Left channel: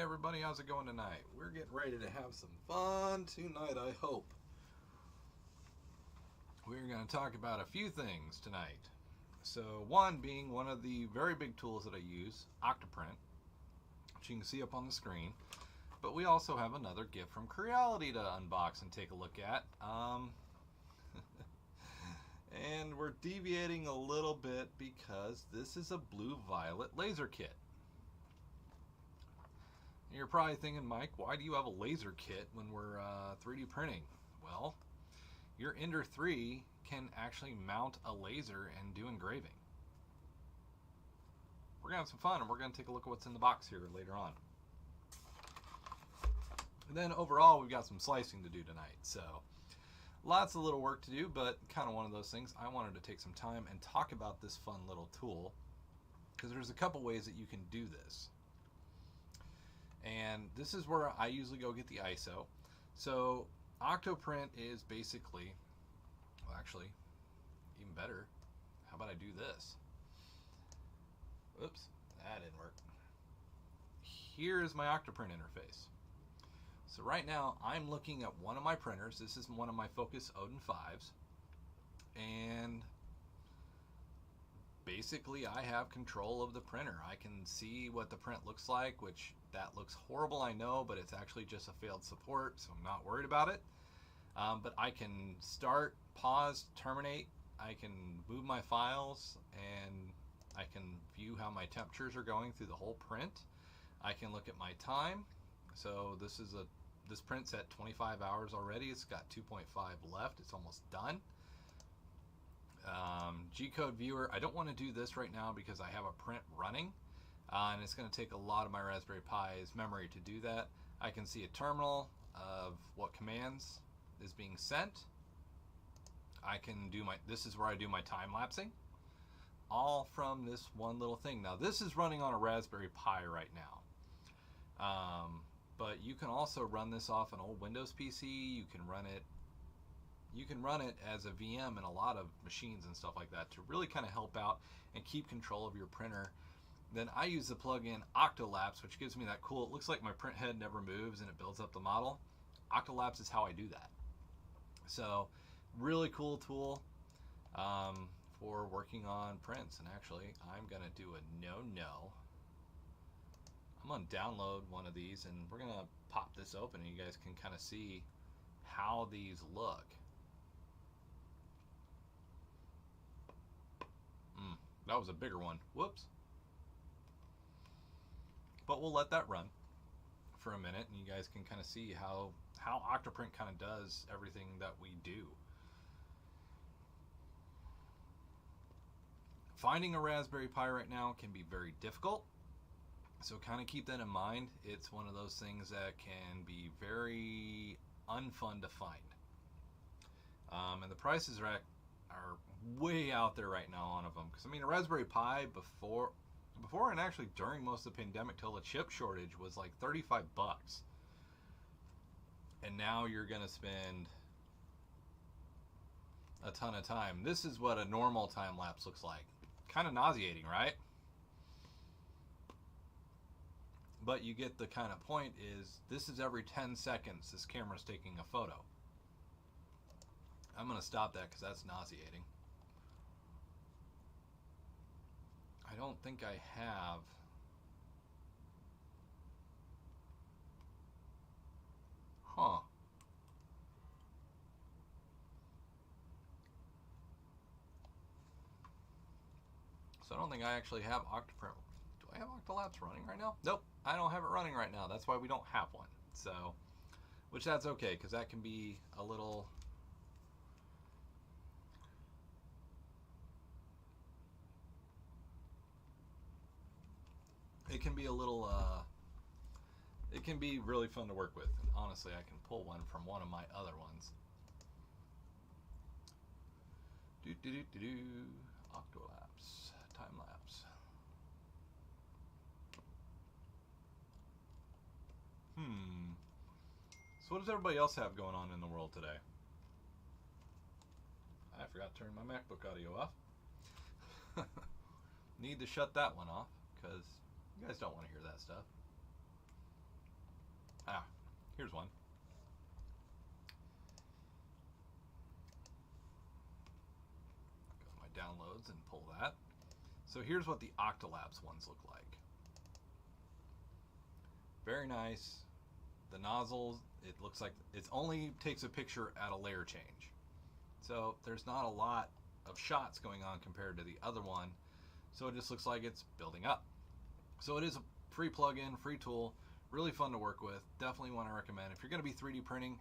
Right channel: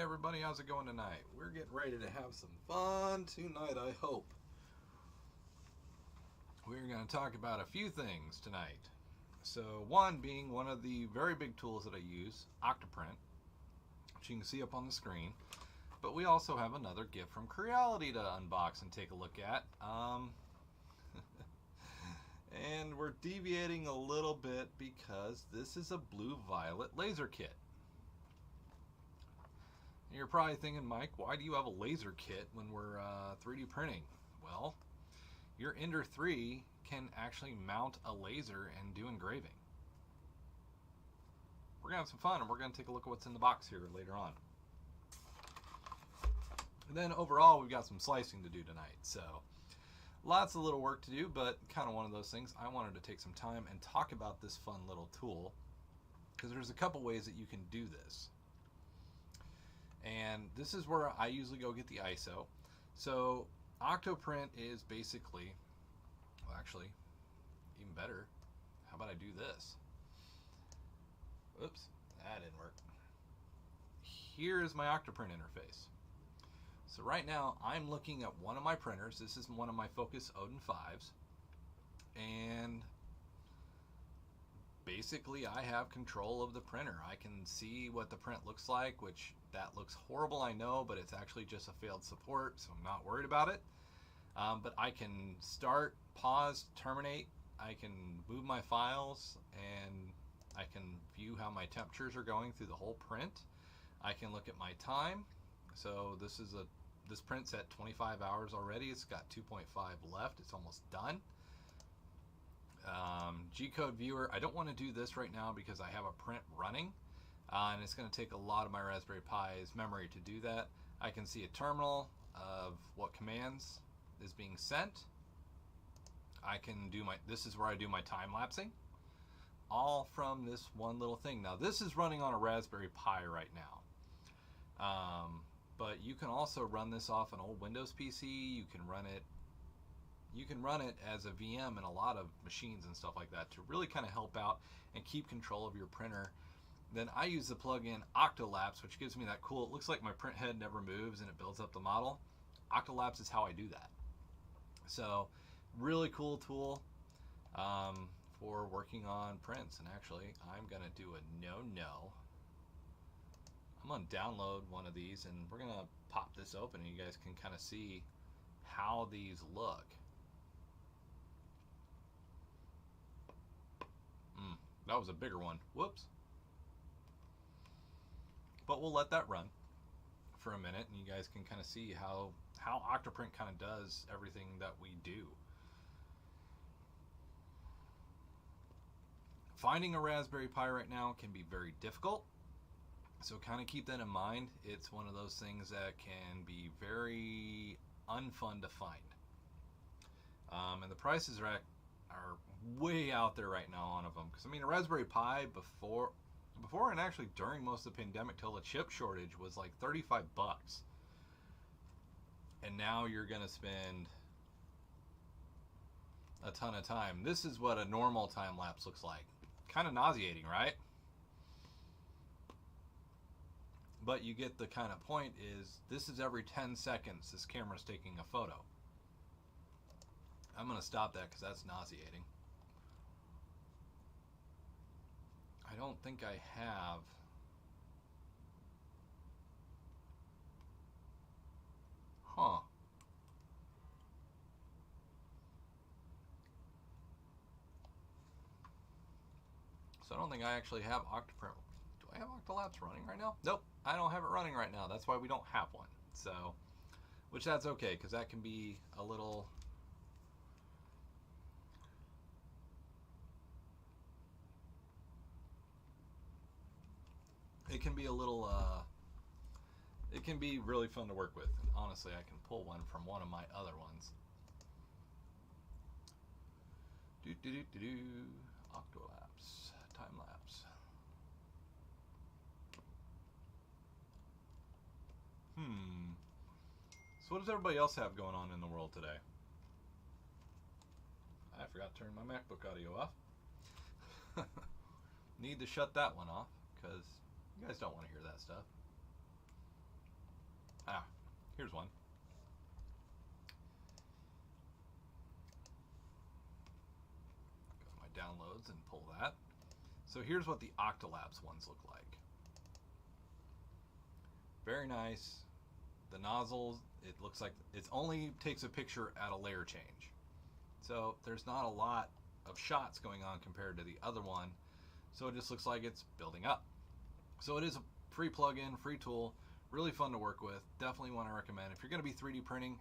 everybody, how's it going tonight? We're getting ready to have some fun tonight, I hope. We're going to talk about a few things tonight. So one being one of the very big tools that I use, Octoprint, which you can see up on the screen. But we also have another gift from Creality to unbox and take a look at. And we're deviating a little bit because this is a blue-violet laser kit. And you're probably thinking, Mike, why do you have a laser kit when we're 3D printing? Well, your Ender 3 can actually mount a laser and do engraving. We're going to have some fun, and we're going to take a look at what's in the box here later on. And then overall, we've got some slicing to do tonight. So lots of little work to do, but kind of one of those things. I wanted to take some time and talk about this fun little tool because there's a couple ways that you can do this. And this is where I usually go get the ISO. So Octoprint is basically, well, actually, even better, how about I do this? Oops, that didn't work. Here is my Octoprint interface. So right now I'm looking at one of my printers. This is one of my Focus Odin 5s. And basically I have control of the printer. I can see what the print looks like, which that looks horrible, I know, but it's actually just a failed support, so I'm not worried about it. But I can start, pause, terminate. I can move my files, and I can view how my temperatures are going through the whole print. I can look at my time. So this print's at 25 hours already. It's got 2.5 left. It's almost done. G-code viewer. I don't want to do this right now because I have a print running, and it's going to take a lot of my Raspberry Pi's memory to do that. I can see a terminal of what commands is being sent. I can do this is where I do my time lapsing, all from this one little thing. Now this is running on a Raspberry Pi right now. But you can also run this off an old Windows PC. You can run it as a VM in a lot of machines and stuff like that to really kind of help out and keep control of your printer. Then I use the plugin Octolapse, which gives me that cool, it looks like my print head never moves and it builds up the model. Octolapse is how I do that. So really cool tool for working on prints. And actually, I'm going to do a no-no. I'm going to download one of these and we're going to pop this open and you guys can kind of see how these look. That was a bigger one. Whoops. But we'll let that run for a minute and you guys can kind of see how Octoprint kind of does everything that we do. Finding a Raspberry Pi right now can be very difficult. So kind of keep that in mind. It's one of those things that can be very unfun to find. And the prices are way out there right now on them. Because I mean, a Raspberry Pi before and actually during most of the pandemic till the chip shortage was like 35 bucks. And now you're going to spend a ton of time. This is what a normal time lapse looks like. Kind of nauseating, right? But you get the kind of point is this is every 10 seconds this camera's taking a photo. I'm going to stop that because that's nauseating. I don't think I have. Huh. So I don't think I actually have Octoprint. Do I have Octolapse running right now? Nope, I don't have it running right now. That's why we don't have one. So, which that's okay, because that can be a little... It can be a little, it can be really fun to work with. And honestly, I can pull one from one of my other ones. Octolapse, time lapse. So what does everybody else have going on in the world today? I forgot to turn my MacBook audio off. Need to shut that one off because you guys don't want to hear that stuff. Here's one. Go to my downloads and pull that. So here's what the Octolabs ones look like. Very nice. The nozzles, it looks like it only takes a picture at a layer change. So there's not a lot of shots going on compared to the other one. So it just looks like it's building up. So it is a free plugin, free tool, really fun to work with. Definitely want to recommend. If you're going to be 3D printing,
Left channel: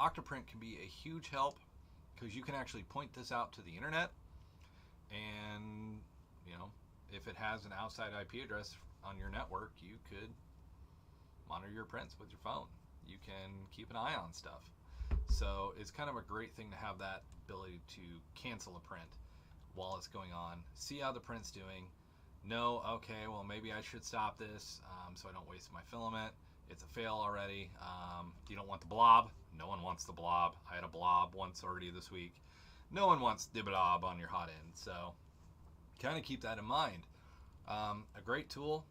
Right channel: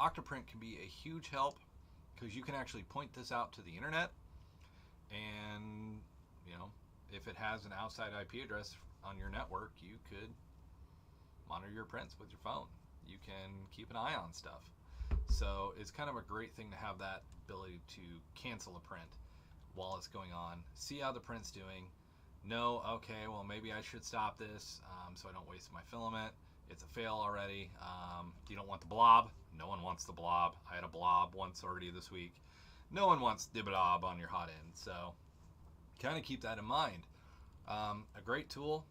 Octoprint can be a huge help because you can actually point this out to the internet, and you know, if it has an outside IP address on your network, you could monitor your prints with your phone. You can keep an eye on stuff. So it's kind of a great thing to have that ability to cancel a print while it's going on, see how the print's doing, know, okay, well, maybe I should stop this so I don't waste my filament. It's a fail already. You don't want the blob. No one wants the blob. I had a blob once already this week. No one wants the blob on your hot end. So kind of keep that in mind. A great tool.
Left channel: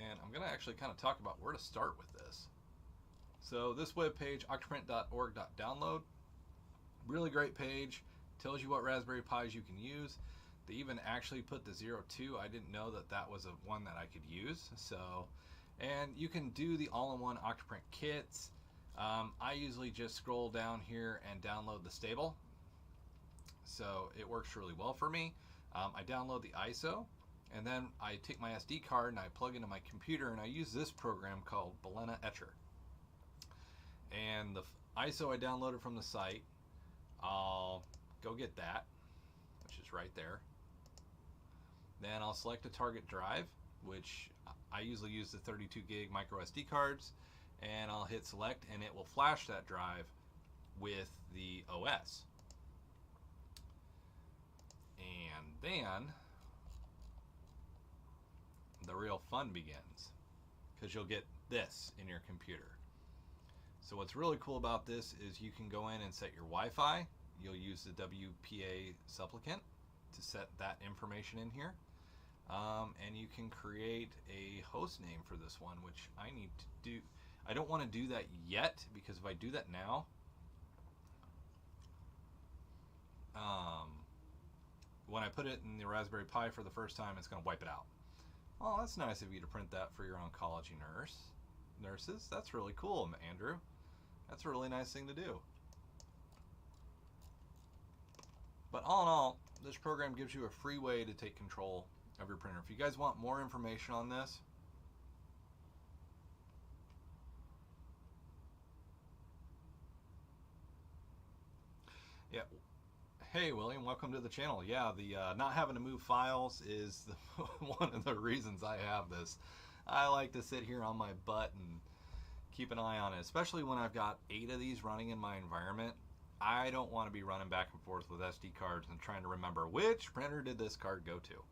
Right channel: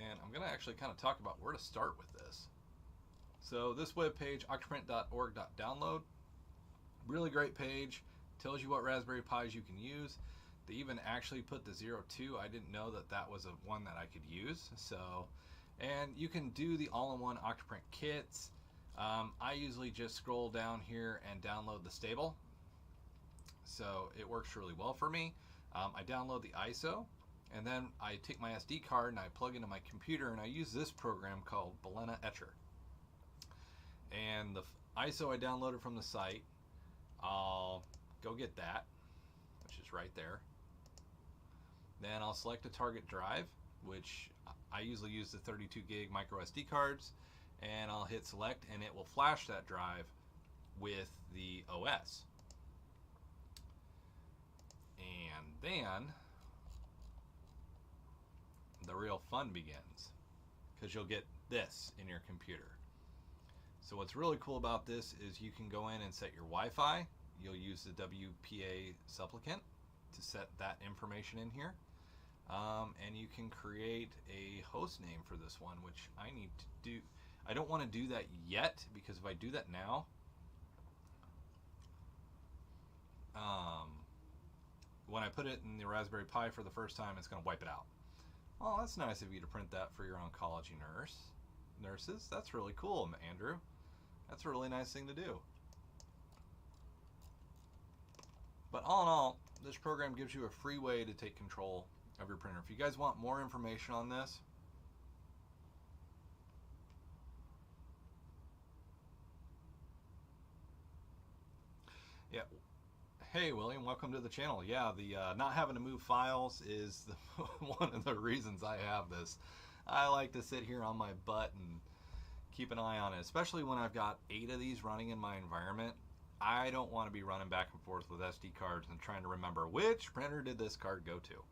And I'm going to actually kind of talk about where to start with this. So this webpage, octoprint.org.download, really great page. Tells you what Raspberry Pis you can use. They even actually put the 02. I didn't know that that was one that I could use. So, and you can do the all-in-one Octoprint kits. I usually just scroll down here and download the stable. So it works really well for me. I download the ISO, and then I take my SD card and I plug into my computer, and I use this program called Balena Etcher. And the ISO I downloaded from the site, I'll go get that, which is right there. Then I'll select a target drive, which I usually use the 32 gig micro SD cards, and I'll hit select, and it will flash that drive with the OS. And then the real fun begins, because you'll get this in your computer. So what's really cool about this is you can go in and set your Wi-Fi. You'll use the WPA supplicant to set that information in here. And you can create a host name for this one, which I need to do. I don't want to do that yet, because if I do that now, when I put it in the Raspberry Pi for the first time, it's going to wipe it out. Oh, that's nice of you to print that for your oncology nurses. That's really cool, Andrew. That's a really nice thing to do. But all in all, this program gives you a free way to take control of your printer. If you guys want more information on this, yeah. Hey, William, welcome to the channel. Yeah, the not having to move files is one of the reasons I have this. I like to sit here on my butt and keep an eye on it, especially when I've got 8 of these running in my environment. I don't want to be running back and forth with SD cards and trying to remember which printer did this card go to.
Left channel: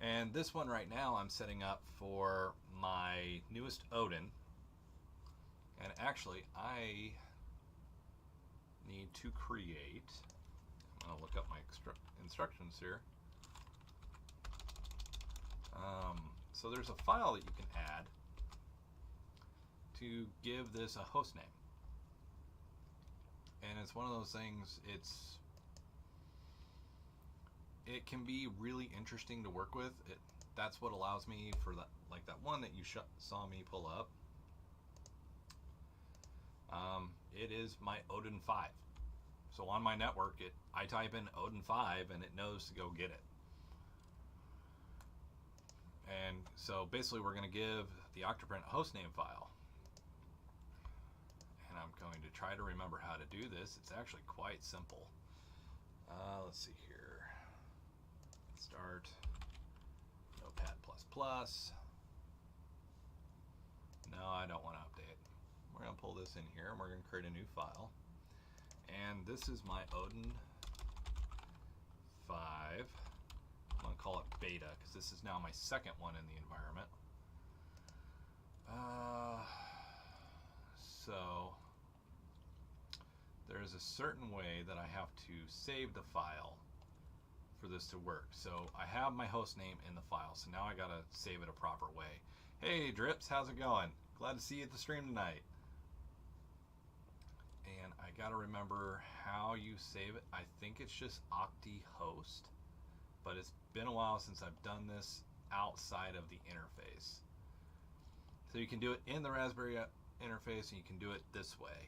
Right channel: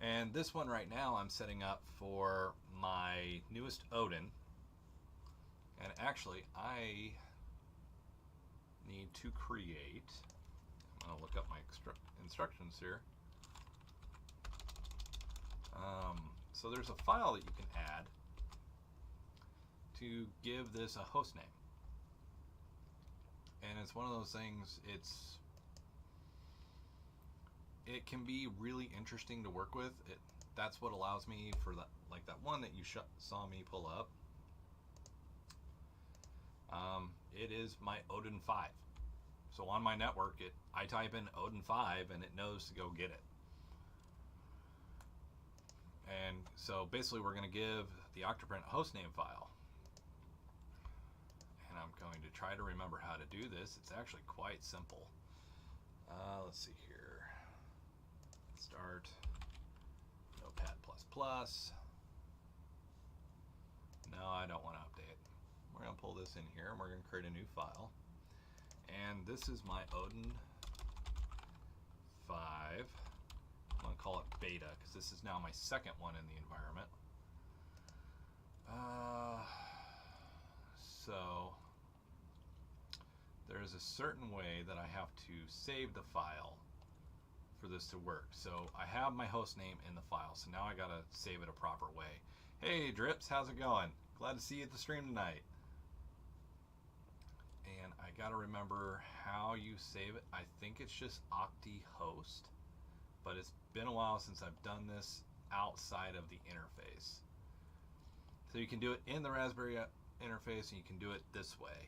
And this one right now I'm setting up for my newest Odin. And actually I need to create, I'm going to look up my instructions here. So there's a file that you can add to give this a host name. And it's one of those things, it can be really interesting to work with. That's what allows me for that, like that one that you saw me pull up. It is my Odin 5. So on my network, I type in Odin 5 and it knows to go get it. And so basically we're going to give the Octoprint a hostname file. And I'm going to try to remember how to do this. It's actually quite simple. Let's see here. Start Notepad++. No, I don't want to update. We're going to pull this in here and we're going to create a new file. And this is my Odin 5. I'm going to call it beta because this is now my second one in the environment. So there's a certain way that I have to save the file for this to work. So I have my host name in the file, so now I got to save it a proper way. Hey Drips, how's it going? Glad to see you at the stream tonight. And I gotta remember how you save it. I think it's just OctiHost, but it's been a while since I've done this outside of the interface. So you can do it in the Raspberry interface, and you can do it this way.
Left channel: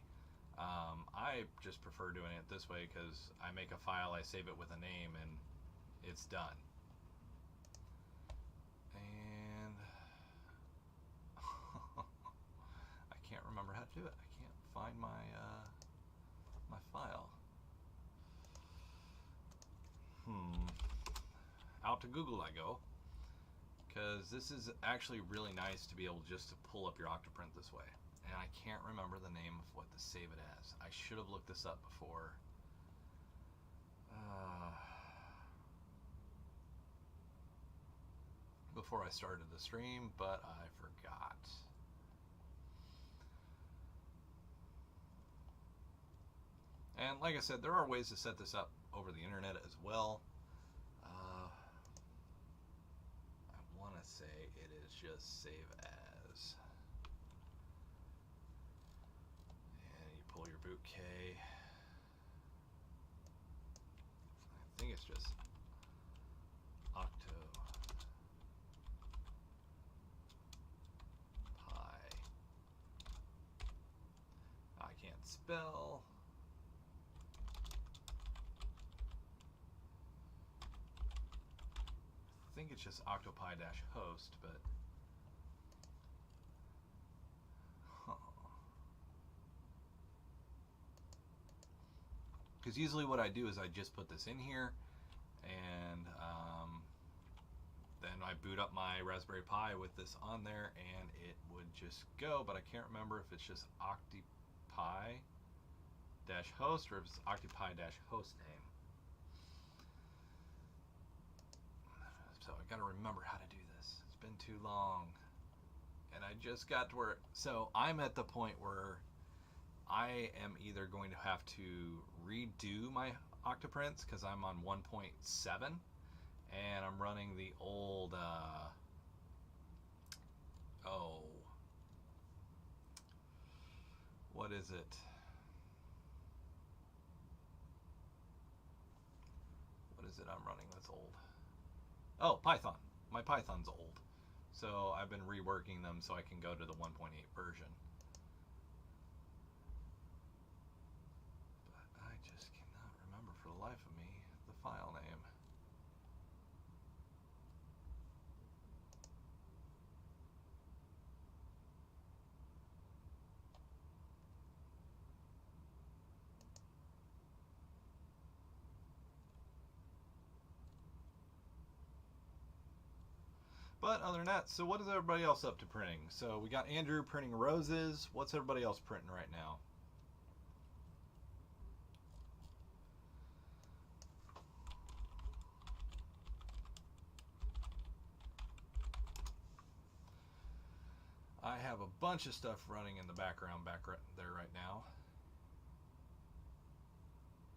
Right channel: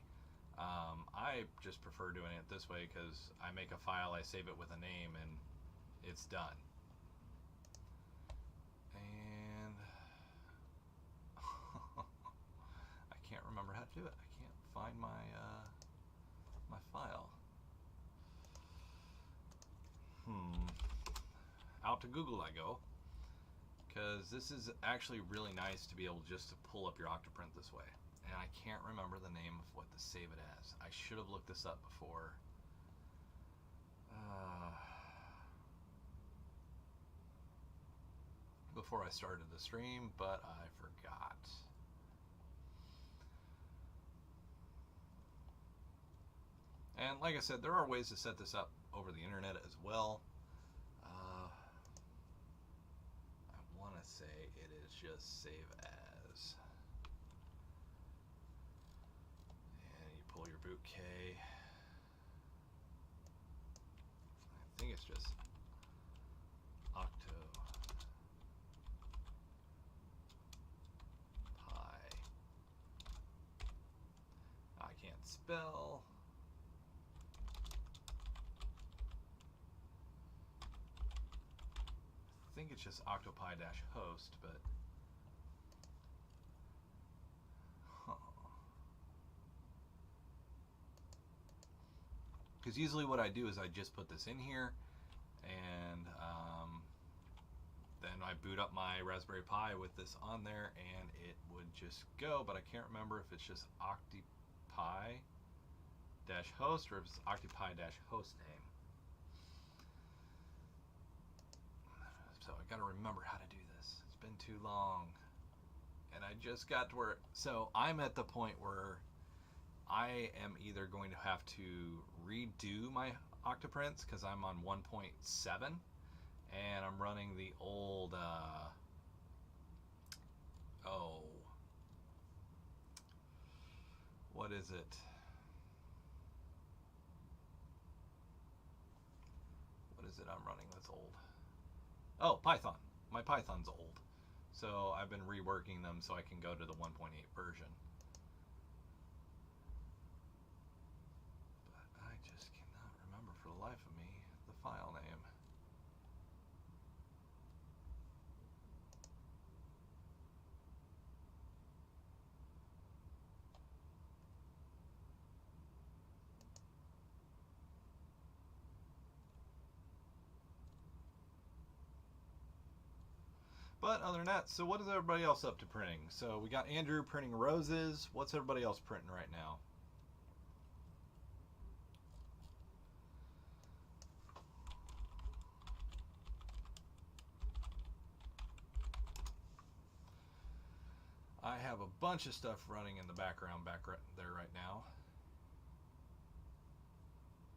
I just prefer doing it this way because I make a file, I save it with a name, and it's done. And I can't remember how to do it. I can't find my my file. Out to Google I go, because this is actually really nice to be able just to pull up your Octoprint this way. And I can't remember the name of what to save it as. I should have looked this up before I started the stream, but I forgot. And like I said, there are ways to set this up over the internet as well. I want to say it is just save as. And you pull your boot K. I think it's just Octopi. I can't spell. I think it's just Octopi-host, but because usually what I do is I just put this in here, and then I boot up my Raspberry Pi with this on there, and it would just go. But I can't remember if it's just Octopi-host or if it's Octopi-host name. So I gotta remember how to do this. It's been too long, and I just got to where, so I'm at the point where I am either going to have to redo my Octoprints because I'm on 1.7 and I'm running the old what is it? What is it I'm running that's old? Oh, Python. My Python's old. So I've been reworking them so I can go to the 1.8 version. But I just cannot remember for the life of me the file name. But other than that, so what is everybody else up to printing? So we got Andrew printing roses. What's everybody else printing right now? I have a bunch of stuff running in the background back right there right now.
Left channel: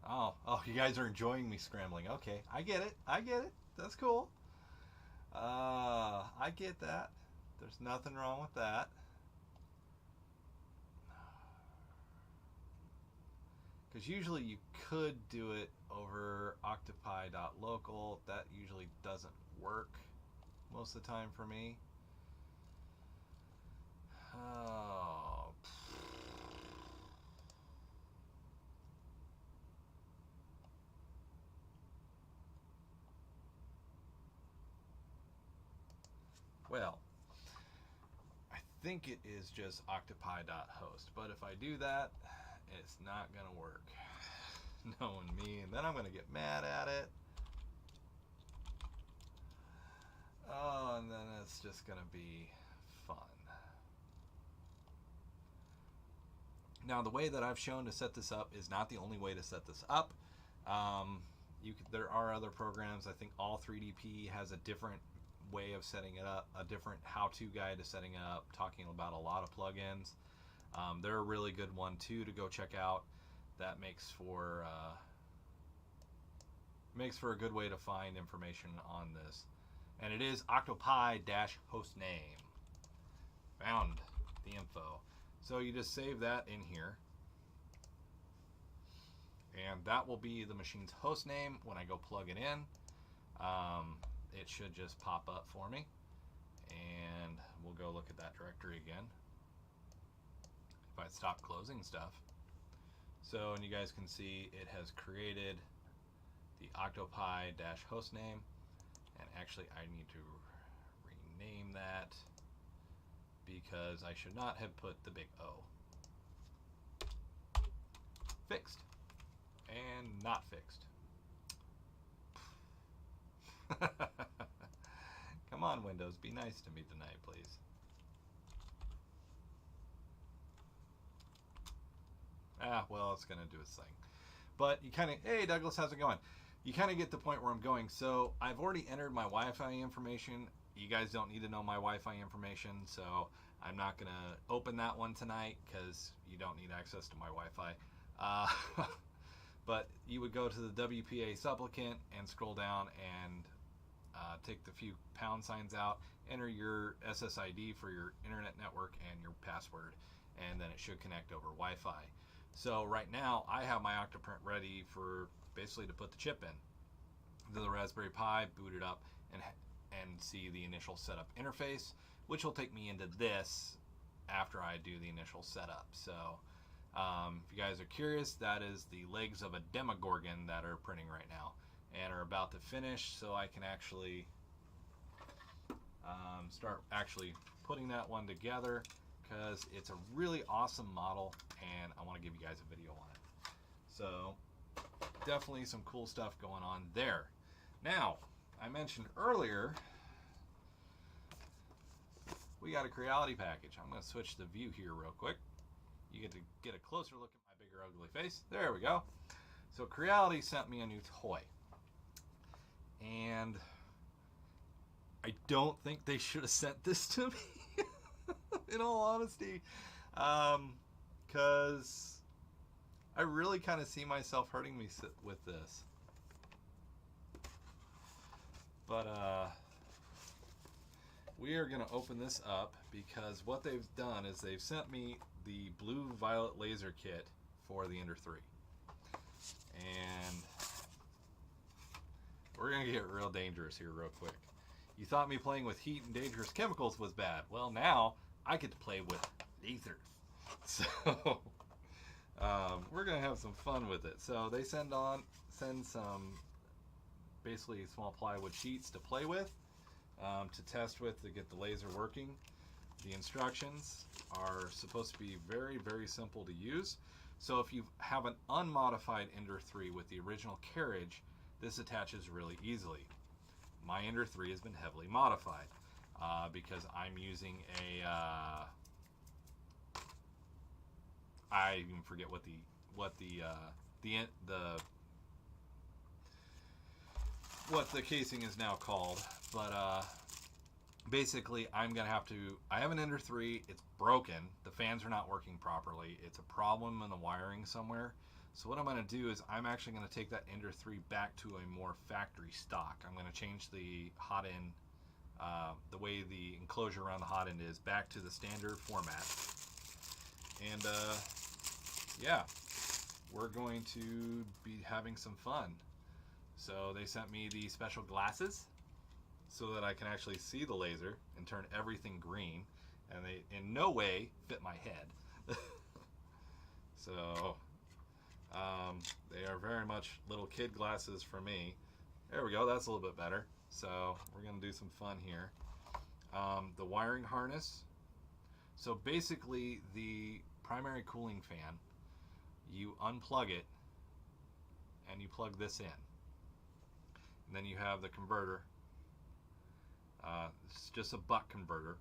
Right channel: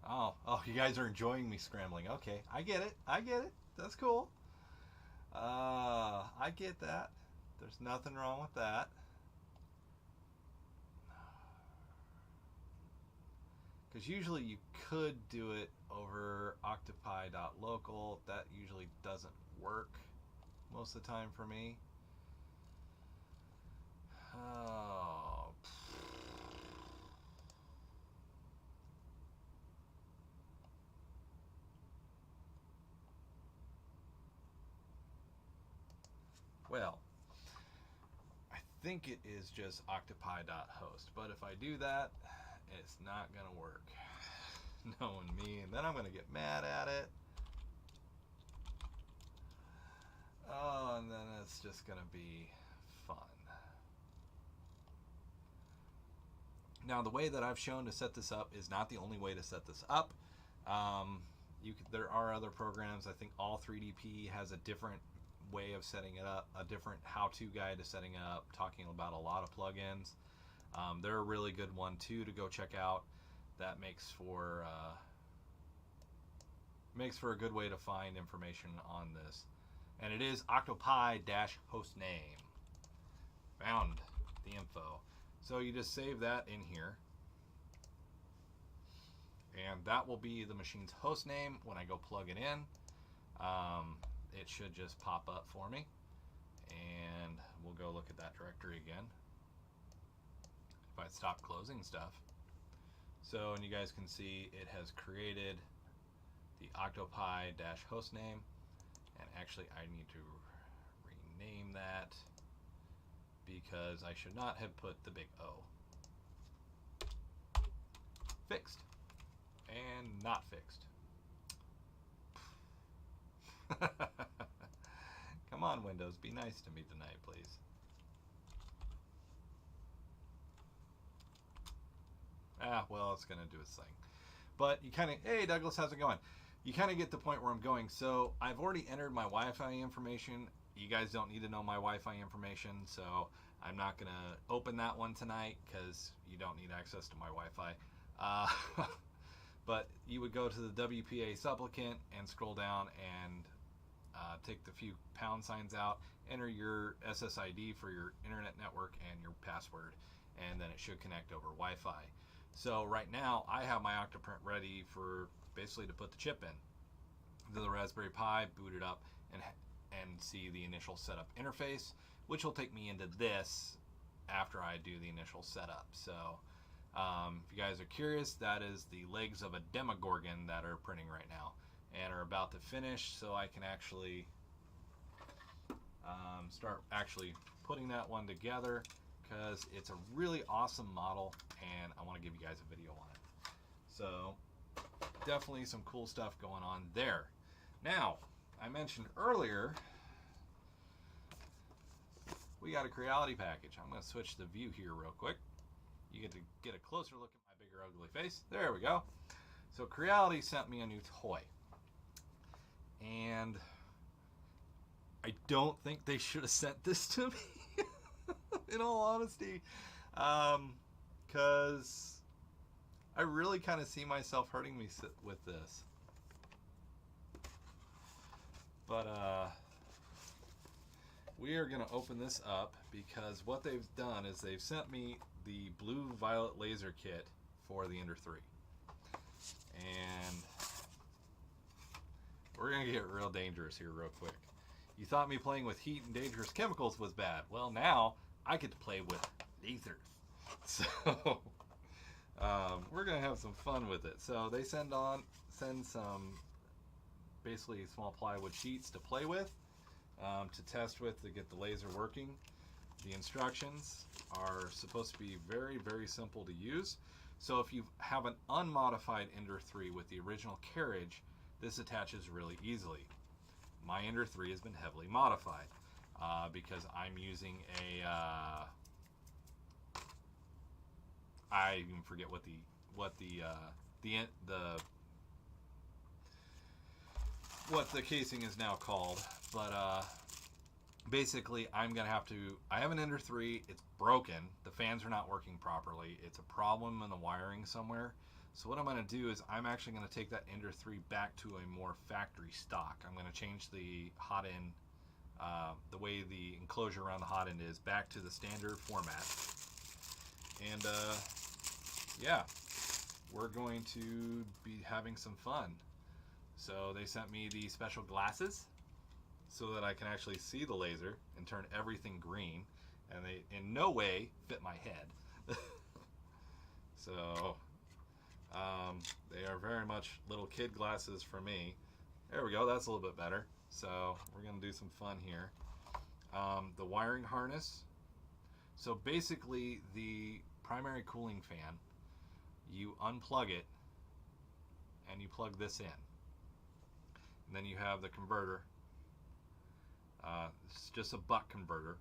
Oh, you guys are enjoying me scrambling. Okay, I get it. That's cool. I get that. There's nothing wrong with that. Because usually you could do it over octopi.local. That usually doesn't work most of the time for me. Oh. Well, I think it is just octopi.host, but if I do that, it's not going to work. Knowing me, and then I'm going to get mad at it. Oh, and then it's just going to be fun. Now, the way that I've shown to set this up is not the only way to set this up. There are other programs. I think All3DP has a different way of setting it up, a different how-to guide to setting it up, talking about a lot of plugins. They're a really good one too to go check out. That makes for a good way to find information on this. And it is octopi-host name. Found. the info. So you just save that in here, and that will be the machine's host name. When I go plug it in, it should just pop up for me, and we'll go look at that directory again if I stop closing stuff. So, and you guys can see it has created the octopi-host name, and actually I need to rename that because I should not have put the big O. Fixed. And not fixed. Come on, Windows, be nice to me tonight, please. Well, it's going to do its thing. But you kind of, hey, Douglas, how's it going? You kind of get the point where I'm going. So I've already entered my Wi-Fi information. You guys don't need to know my Wi-Fi information, so I'm not going to open that one tonight because you don't need access to my Wi-Fi. But you would go to the WPA supplicant and scroll down and take the few pound signs out, enter your SSID for your internet network and your password, and then it should connect over Wi-Fi. So right now I have my Octoprint ready for basically to put the chip in. The Raspberry Pi, boot it up, and see the initial setup interface, which will take me into this after I do the initial setup. So if you guys are curious, that is the legs of a Demogorgon that are printing right now and are about to finish, so I can actually start actually putting that one together, because it's a really awesome model and I want to give you guys a video on it. So definitely some cool stuff going on there. Now, I mentioned earlier we got a Creality package. I'm going to switch the view here real quick. You get to get a closer look at my bigger ugly face. There we go. So Creality sent me a new toy, and I don't think they should have sent this to me in all honesty, because I really kind of see myself hurting me with this. But we are going to open this up, because what they've done is they've sent me the blue violet laser kit for the Ender 3. And we're going to get real dangerous here real quick. You thought me playing with heat and dangerous chemicals was bad. Well, now I get to play with lasers. So we're going to have some fun with it. So they send some basically small plywood sheets to play with, to test with, to get the laser working. The instructions are supposed to be very, very simple to use. So if you have an unmodified Ender 3 with the original carriage, this attaches really easily. My Ender 3 has been heavily modified because I'm using a I even forget what the casing is now called, but basically I'm gonna have to. I have an Ender 3. It's broken. The fans are not working properly. It's a problem in the wiring somewhere. So what I'm going to do is I'm actually going to take that Ender 3 back to a more factory stock. I'm going to change the hot end, the way the enclosure around the hot end is, back to the standard format. And yeah, we're going to be having some fun. So they sent me these special glasses so that I can actually see the laser and turn everything green, and they in no way fit my head. So they are very much little kid glasses for me. There we go, that's a little bit better. So we're going to do some fun here. The wiring harness. So basically the primary cooling fan, you unplug it and you plug this in. And then you have the converter. It's just a buck converter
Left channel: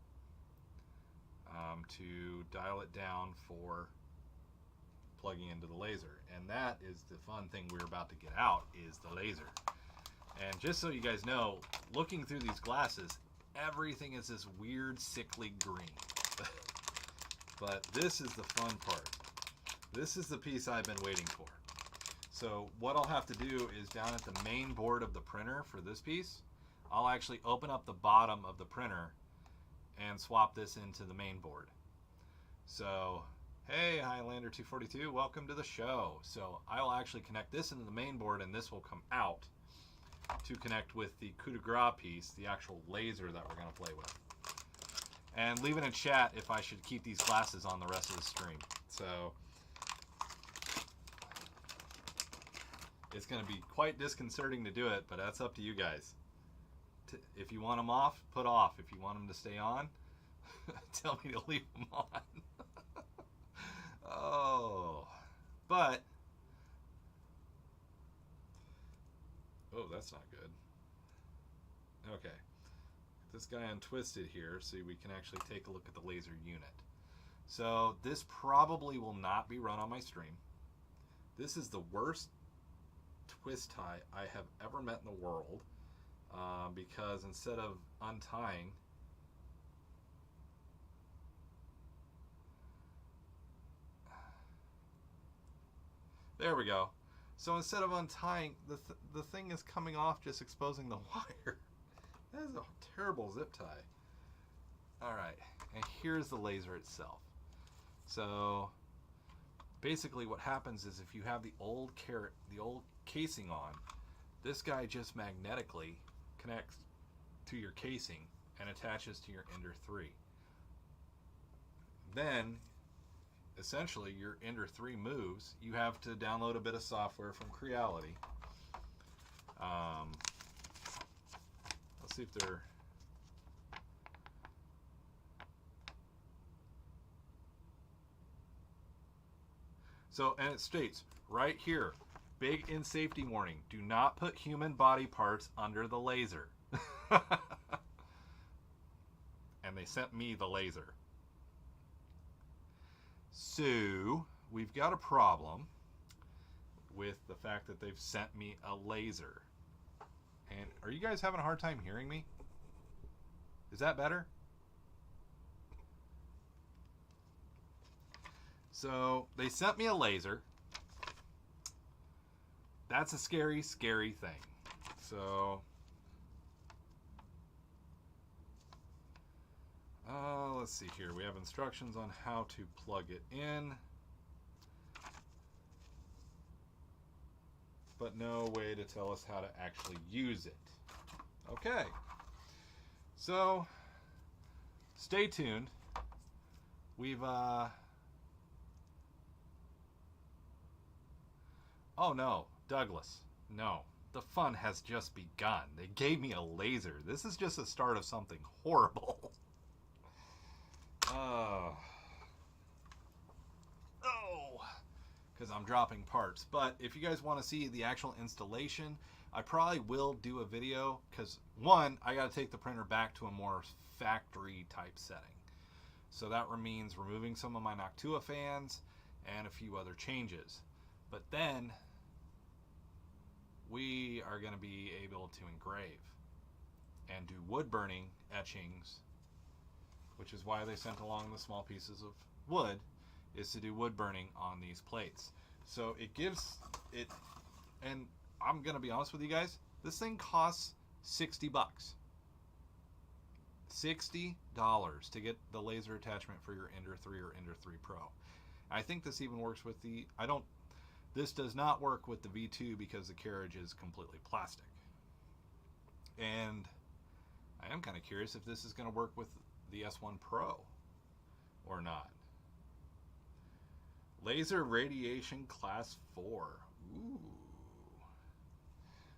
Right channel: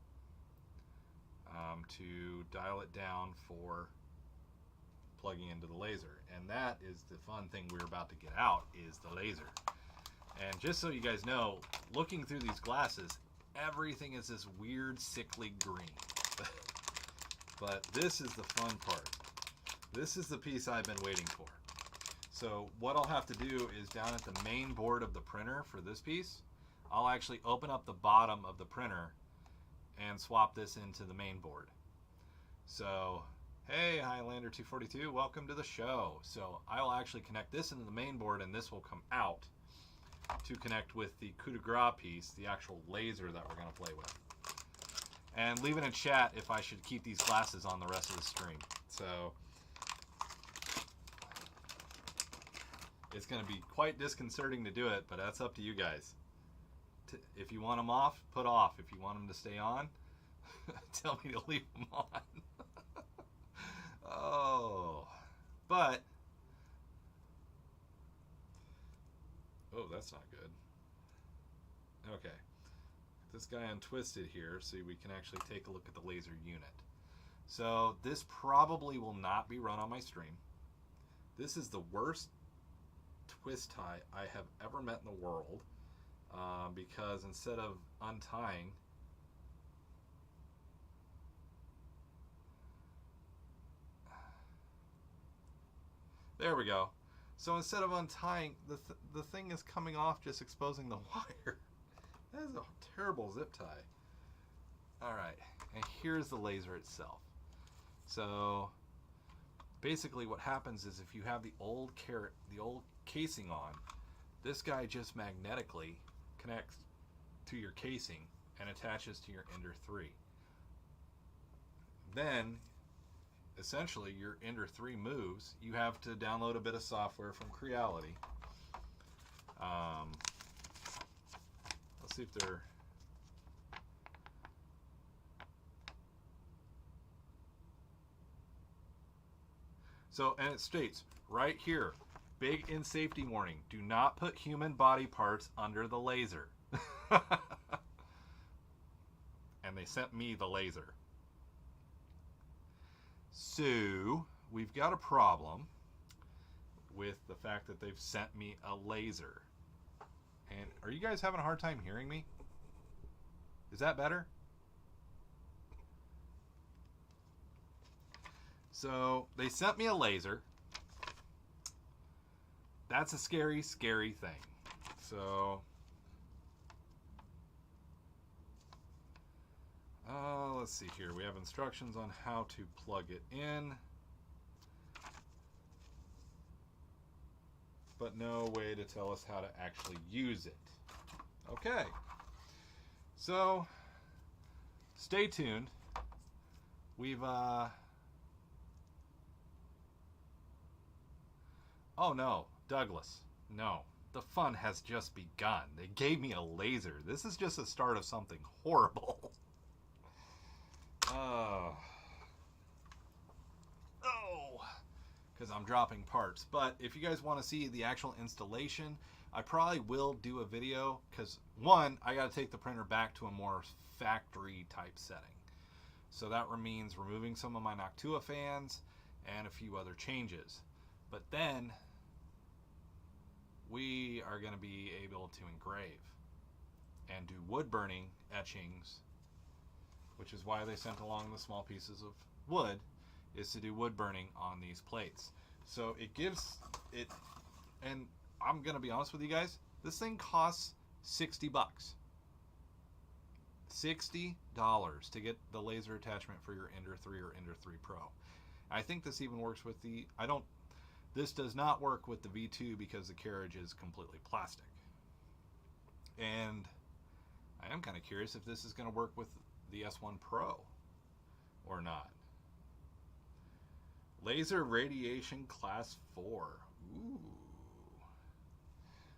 to dial it down for plugging into the laser. And that is the fun thing we're about to get out, is the laser. And just so you guys know, looking through these glasses, everything is this weird sickly green. But this is the fun part. This is the piece I've been waiting for. So what I'll have to do is, down at the main board of the printer for this piece, I'll actually open up the bottom of the printer and swap this into the main board. So, hey, Highlander242, welcome to the show. So I will actually connect this into the main board, and this will come out to connect with the coup de grace piece, the actual laser that we're going to play with. And leave it in chat if I should keep these glasses on the rest of the stream. So it's going to be quite disconcerting to do it, but that's up to you guys. If you want them off, put off. If you want them to stay on, tell me to leave them on. Oh, but, oh, that's not good. Okay, this guy untwisted here so we can actually take a look at the laser unit. So this probably will not be run on my stream. This is the worst twist tie I have ever met in the world, because instead of untying, there we go. So instead of untying, the thing is coming off, just exposing the wire. That is a terrible zip tie. Alright, and here's the laser itself. So basically what happens is if you have the old casing on, this guy just magnetically connects to your casing and attaches to your Ender 3. Then essentially your Ender 3 moves. You have to download a bit of software from Creality. Let's see if they're... So, and it states right here, big in safety warning, do not put human body parts under the laser. And they sent me the laser. So, we've got a problem with the fact that they've sent me a laser. And are you guys having a hard time hearing me? Is that better? So, they sent me a laser. That's a scary, scary thing. So, let's see here. We have instructions on how to plug it in, but no way to tell us how to actually use it. Okay. So, stay tuned. We've, oh no, Douglas, no. The fun has just begun. They gave me a laser. This is just the start of something horrible. Oh, because I'm dropping parts. But if you guys want to see the actual installation, I probably will do a video, because one, I got to take the printer back to a more factory type setting. So that means removing some of my Noctua fans and a few other changes. But then we are going to be able to engrave and do wood burning etchings, which is why they sent along the small pieces of wood, is to do wood burning on these plates. So it gives it, and I'm going to be honest with you guys, this thing costs $60. $60 to get the laser attachment for your Ender 3 or Ender 3 Pro. I think this even works with the, this does not work with the V2 because the carriage is completely plastic. And I am kind of curious if this is going to work with the S1 Pro or not. Laser radiation class 4. Ooh.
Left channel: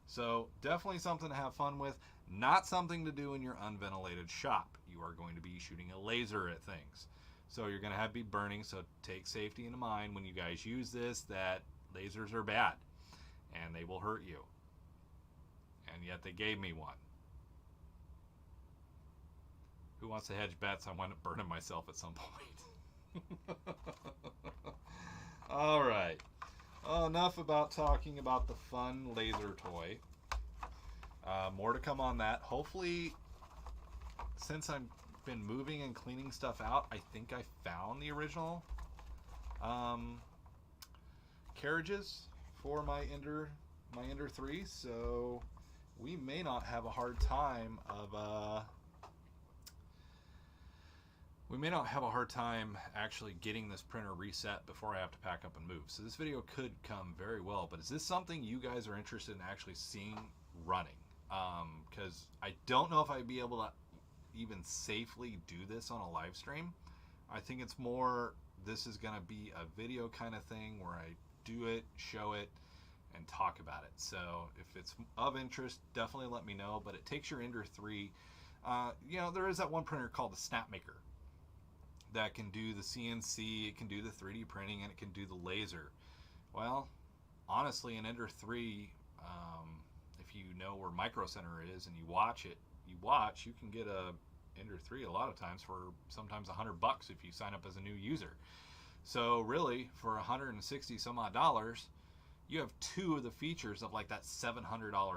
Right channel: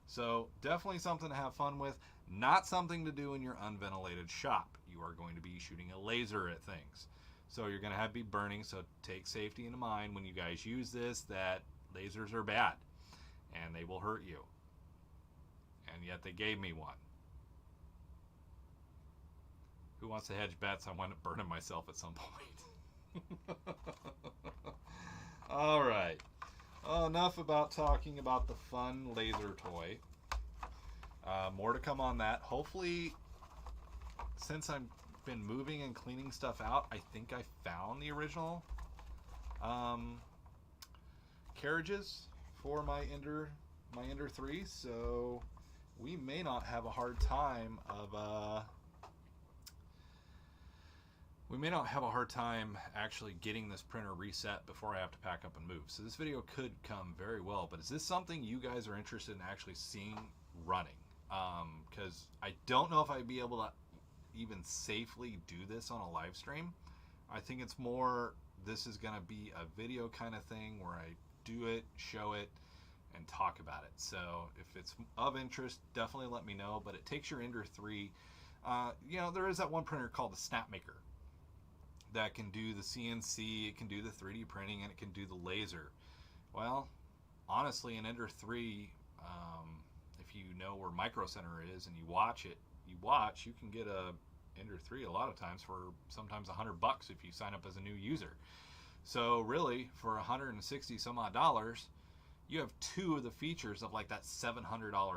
So definitely something to have fun with. Not something to do in your unventilated shop. You are going to be shooting a laser at things. So you're going to be burning, so take safety into mind when you guys use this, that lasers are bad and they will hurt you. And yet they gave me one. Who wants to hedge bets? I wind up burning myself at some point. Alright. Oh, enough about talking about the fun laser toy. More to come on that. Hopefully, since I've been moving and cleaning stuff out, I think I found the original carriages for my Ender 3, so we may not have a hard time of we may not have a hard time actually getting this printer reset before I have to pack up and move. So this video could come very well, but is this something you guys are interested in actually seeing running? Because I don't know if I'd be able to even safely do this on a live stream. I think it's more, this is going to be a video kind of thing where I do it, show it, and talk about it. So if it's of interest, definitely let me know. But it takes your Ender 3. You know, there is that one printer called the Snapmaker that can do the CNC, it can do the 3D printing, and it can do the laser. Well, honestly, in Ender 3, if you know where Micro Center is and you watch it, you can get a Ender 3 a lot of times for sometimes $100 if you sign up as a new user. So really, for $160 some odd dollars, you have two of the features of like that $700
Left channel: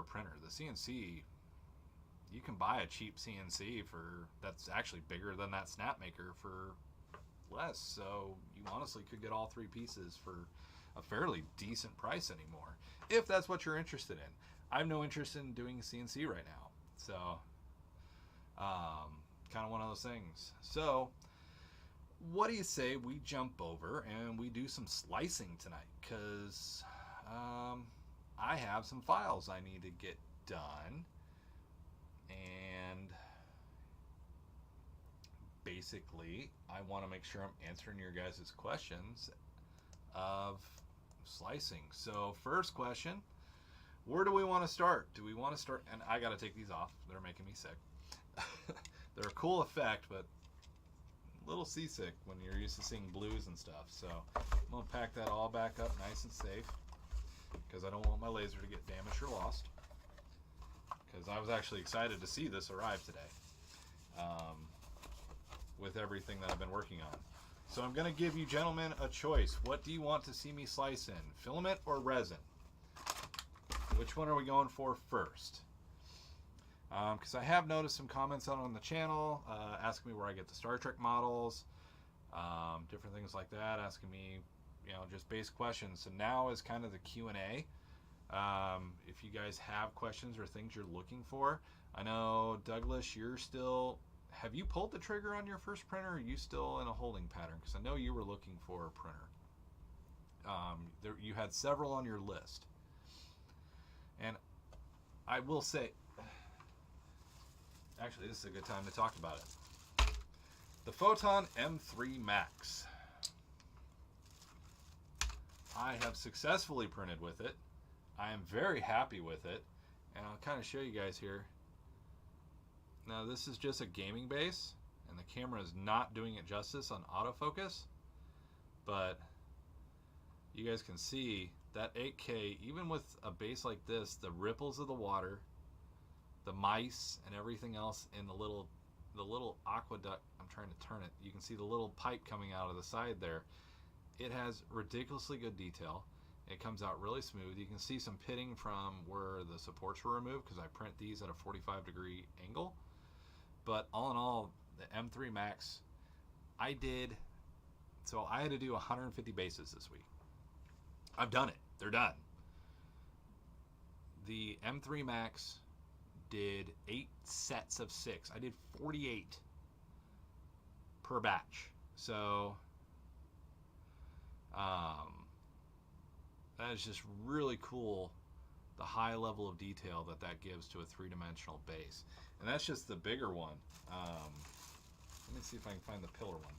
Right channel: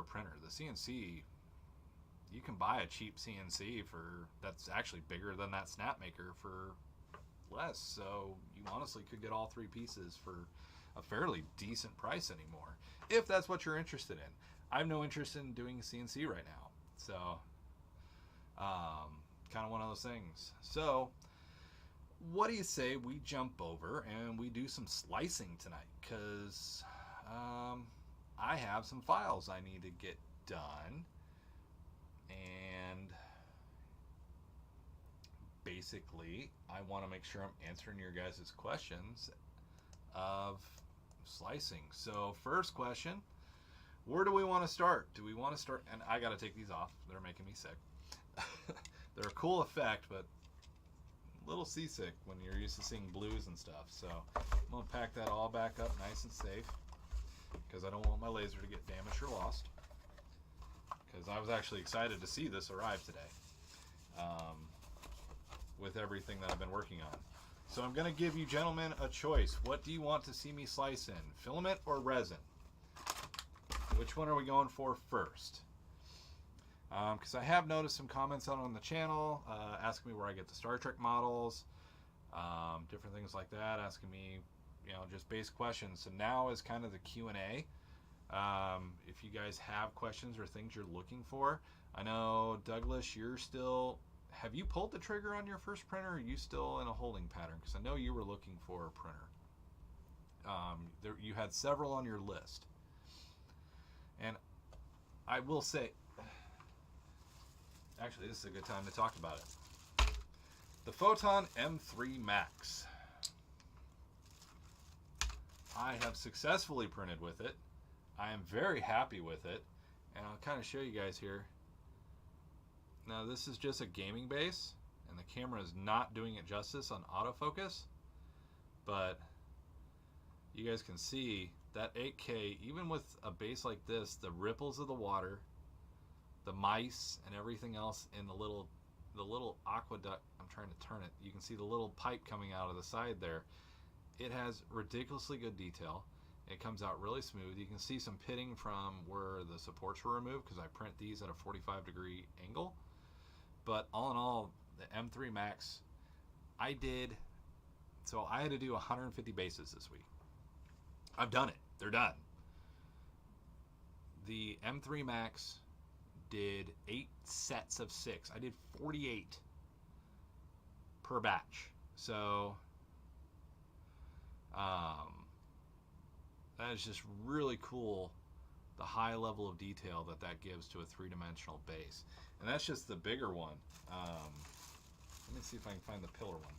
printer. The CNC, you can buy a cheap CNC for, that's actually bigger than that Snapmaker for less. So you honestly could get all three pieces for a fairly decent price anymore, if that's what you're interested in. I have no interest in doing CNC right now. So, kind of one of those things. So, what do you say we jump over and we do some slicing tonight? Because I have some files I need to get done. And basically, I want to make sure I'm answering your guys' questions of slicing. So, first question, where do we want to start? Do we want to start, and I got to take these off, they're making me sick. They're a cool effect, but a little seasick when you're used to seeing blues and stuff. So, I'm going to pack that all back up nice and safe, because I don't want my laser to get damaged or lost. Because I was actually excited to see this arrive today, with everything that I've been working on. So I'm going to give you gentlemen a choice. What do you want to see me slice in? Filament or resin? Which one are we going for first? Because I have noticed some comments out on the channel asking me where I get the Star Trek models, different things like that, asking me, you know, just basic questions. So now is kind of the Q&A. If you guys have questions or things you're looking for. I know, Douglas, you're still, have you pulled the trigger on your first printer, or are you still in a holding pattern? Because I know you were looking for a printer. You had several on your list. And I will say, actually, this is a good time to talk about it. The Photon M3 Max. I have successfully printed with it. I am very happy with it, and I'll kind of show you guys here. Now this is just a gaming base, and the camera is not doing it justice on autofocus, but you guys can see that 8K, even with a base like this, the ripples of the water, the mice, and everything else in the little aqueduct, I'm trying to turn it, you can see the little pipe coming out of the side there. It has ridiculously good detail. It comes out really smooth. You can see some pitting from where the supports were removed, because I print these at a 45-degree angle. But all in all, the M3 Max, I had to do 150 bases this week. I've done it. They're done. The M3 Max did 8 sets of 6. I did 48 per batch. So, that is just really cool, the high level of detail that gives to a three-dimensional base. And that's just the bigger one. Let me see if I can find the pillar one.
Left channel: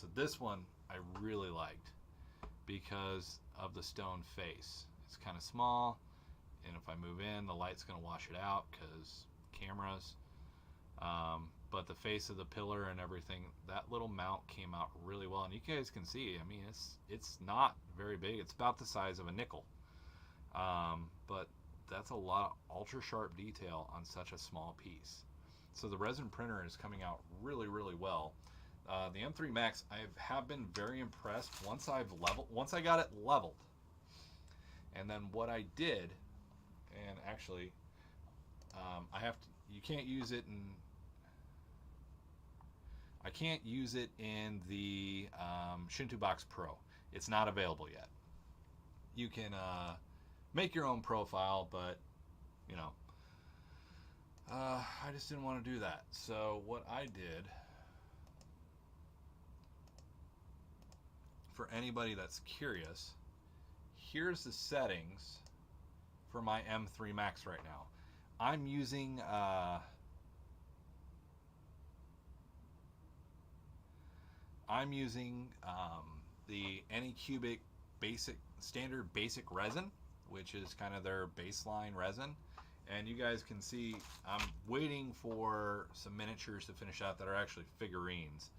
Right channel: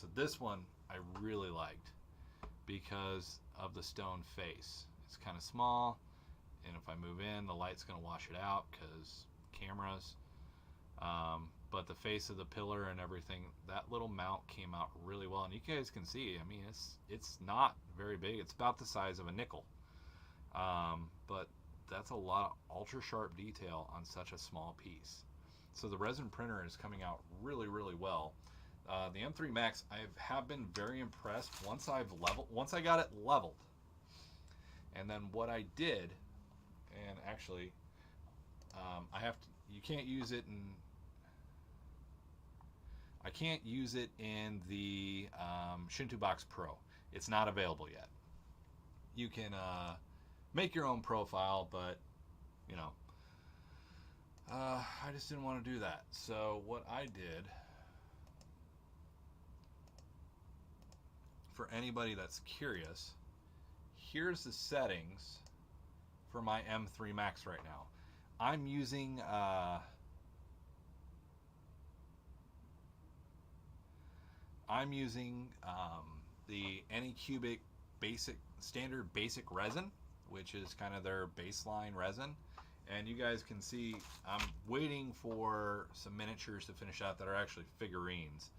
So this one I really liked because of the stone face. It's kind of small, and if I move in, the light's going to wash it out because cameras. But the face of the pillar and everything, that little mount came out really well. And you guys can see, I mean, it's not very big. It's about the size of a nickel. But that's a lot of ultra sharp detail on such a small piece. So the resin printer is coming out really, really well. The M3 Max, I have been very impressed once I got it leveled. And then what I did, and actually, you can't use it in, I can't use it in the Shinto Box Pro. It's not available yet. You can make your own profile, but you know, I just didn't want to do that. So what I did for anybody that's curious, here's the settings for my M3 Max right now. I'm using the Anycubic standard basic resin, which is kind of their baseline resin. And you guys can see I'm waiting for some miniatures to finish out that are actually figurines.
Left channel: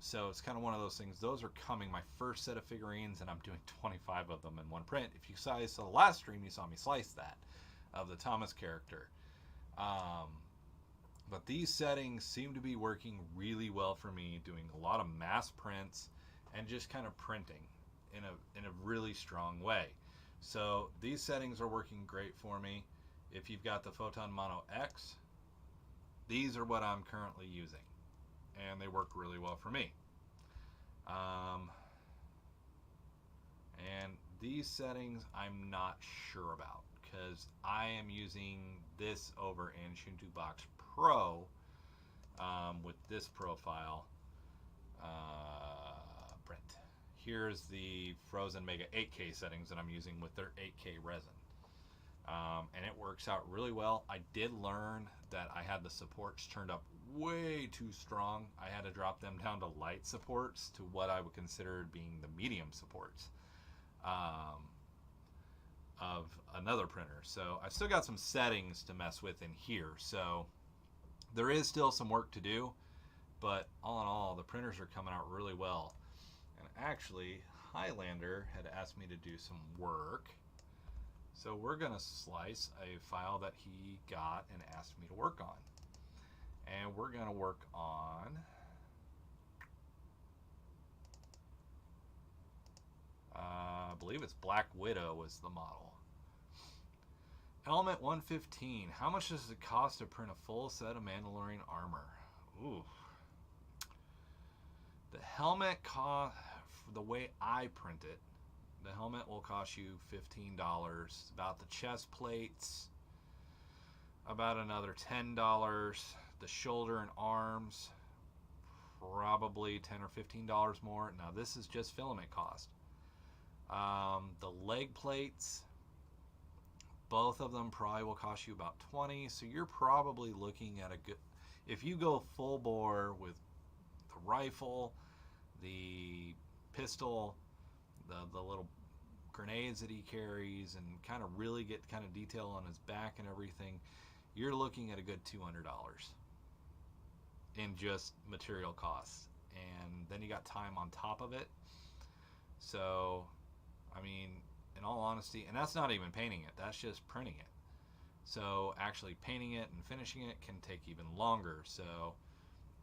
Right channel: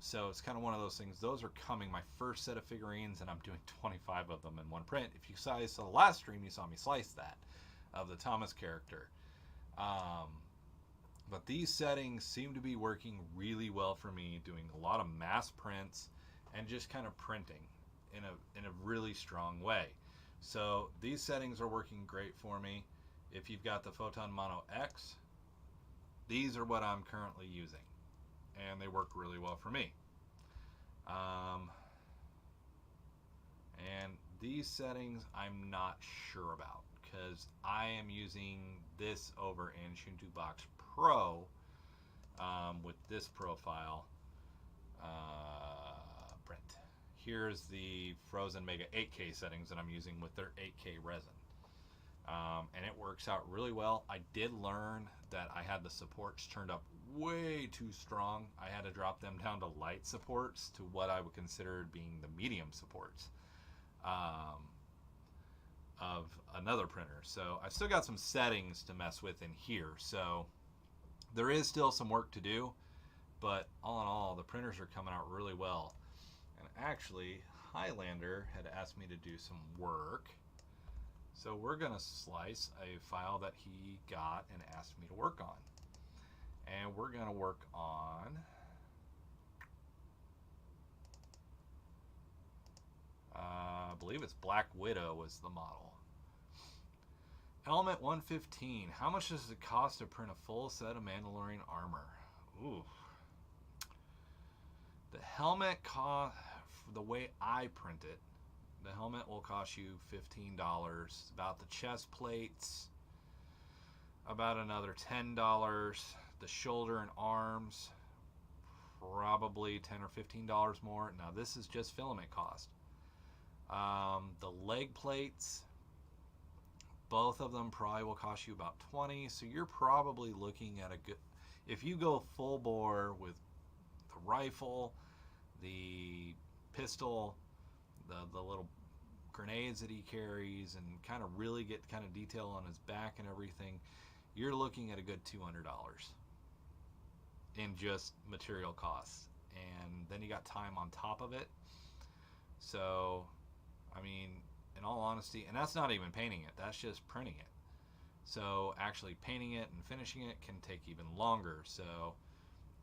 So it's kind of one of those things. Those are coming, my first set of figurines, and I'm doing 25 of them in one print. If you saw the last stream, you saw me slice that of the Thomas character. But these settings seem to be working really well for me, doing a lot of mass prints and just kind of printing in a really strong way. So these settings are working great for me. If you've got the Photon Mono X, these are what I'm currently using, and they work really well for me. And these settings I'm not sure about, because I am using this over in Shuntu Box Pro with this profile print. Here's the Frozen Mega 8K settings that I'm using with their 8K resin. And it works out really well. I did learn that I had the supports turned up way too strong. I had to drop them down to light supports to what I would consider being the medium supports of another printer. So I've still got some settings to mess with in here. So there is still some work to do, but all in all, the printers are coming out really well. And actually, Highlander had asked me to do some work. So we're going to slice a file that he got and asked me to work on. And we're going to work on I believe it's Black Widow was the model. Element 115. How much does it cost to print a full set of Mandalorian armor? Ooh. The helmet cost, the way I print it, the helmet will cost you $15. About the chest plates, about another $10. The shoulder and arms, probably $10 or $15 more. Now this is just filament cost. The leg plates, both of them probably will cost you about $20. So you're probably looking at a good, if you go full bore with the rifle, the pistol, the little grenades that he carries, and kind of really get kind of detail on his back and everything, you're looking at a good $200 in just material costs. And then you got time on top of it. So I mean, in all honesty, and that's not even painting it, that's just printing it. So actually painting it and finishing it can take even longer. So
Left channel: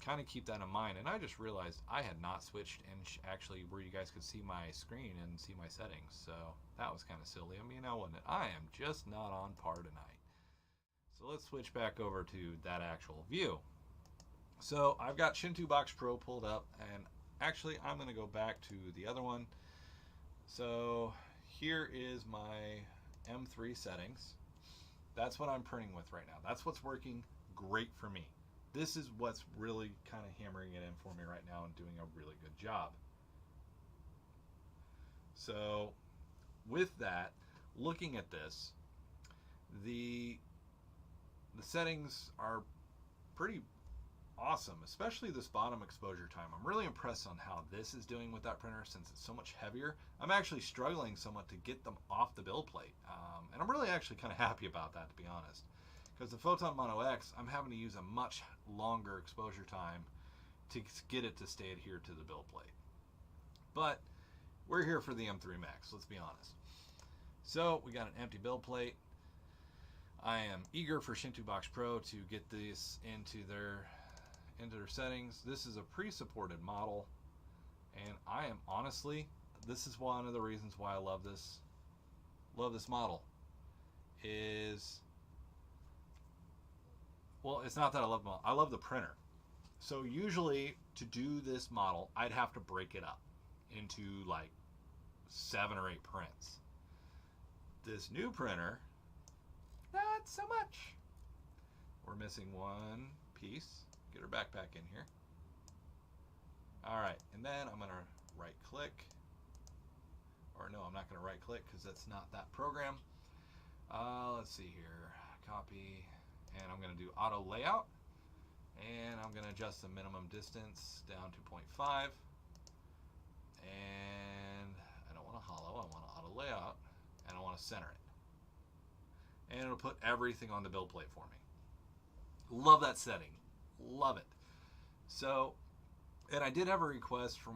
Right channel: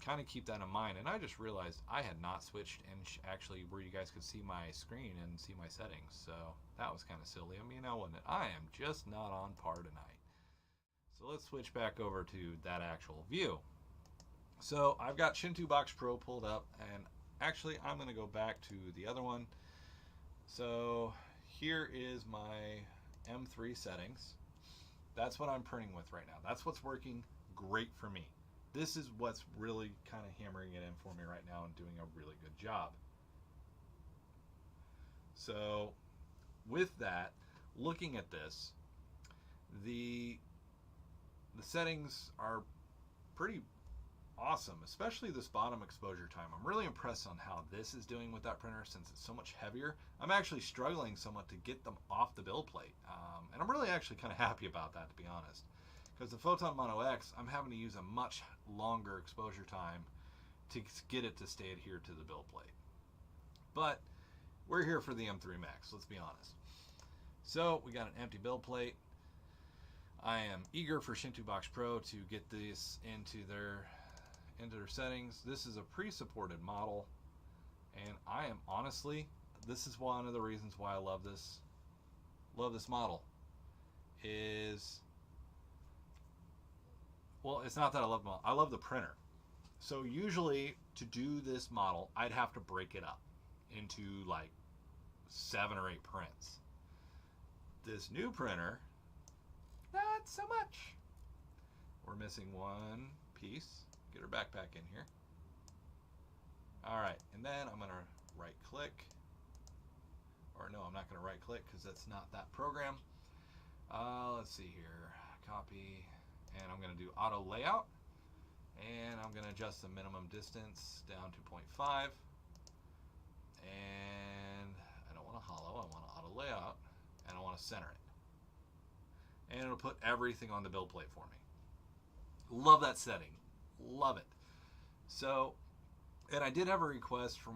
kind of keep that in mind. And I just realized I had not switched and actually where you guys could see my screen and see my settings. So that was kind of silly. I mean, I am just not on par tonight. So let's switch back over to that actual view. So I've got Shuntu Box Pro pulled up, and actually I'm going to go back to the other one. So here is my M3 settings. That's what I'm printing with right now. That's what's working great for me. This is what's really kind of hammering it in for me right now and doing a really good job. So with that, looking at this, the settings are pretty awesome, especially this bottom exposure time. I'm really impressed on how this is doing with that printer since it's so much heavier. I'm actually struggling somewhat to get them off the build plate. And I'm really actually kind of happy about that, to be honest. Because the Photon Mono X, I'm having to use a much longer exposure time to get it to stay adhered to the build plate. But we're here for the M3 Max, let's be honest. So we got an empty build plate. I am eager for Shuntu Box Pro to get this into their settings. This is a pre-supported model, and I am honestly, this is one of the reasons why I love this model. Is, well, it's not that I love the model, I love the printer. So usually to do this model, I'd have to break it up into like 7 or 8 prints. This new printer, not so much. We're missing one piece. Get her backpack in here. All right, and then I'm gonna right click, or no, I'm not going to right click because that's not that program. Let's see here, copy, and I'm going to do auto layout, and I'm going to adjust the minimum distance down to 0.5, and I don't want to hollow, I want to auto layout, and I want to center it. And it'll put everything on the build plate for me. Love that setting. Love it. So, and I did have a request from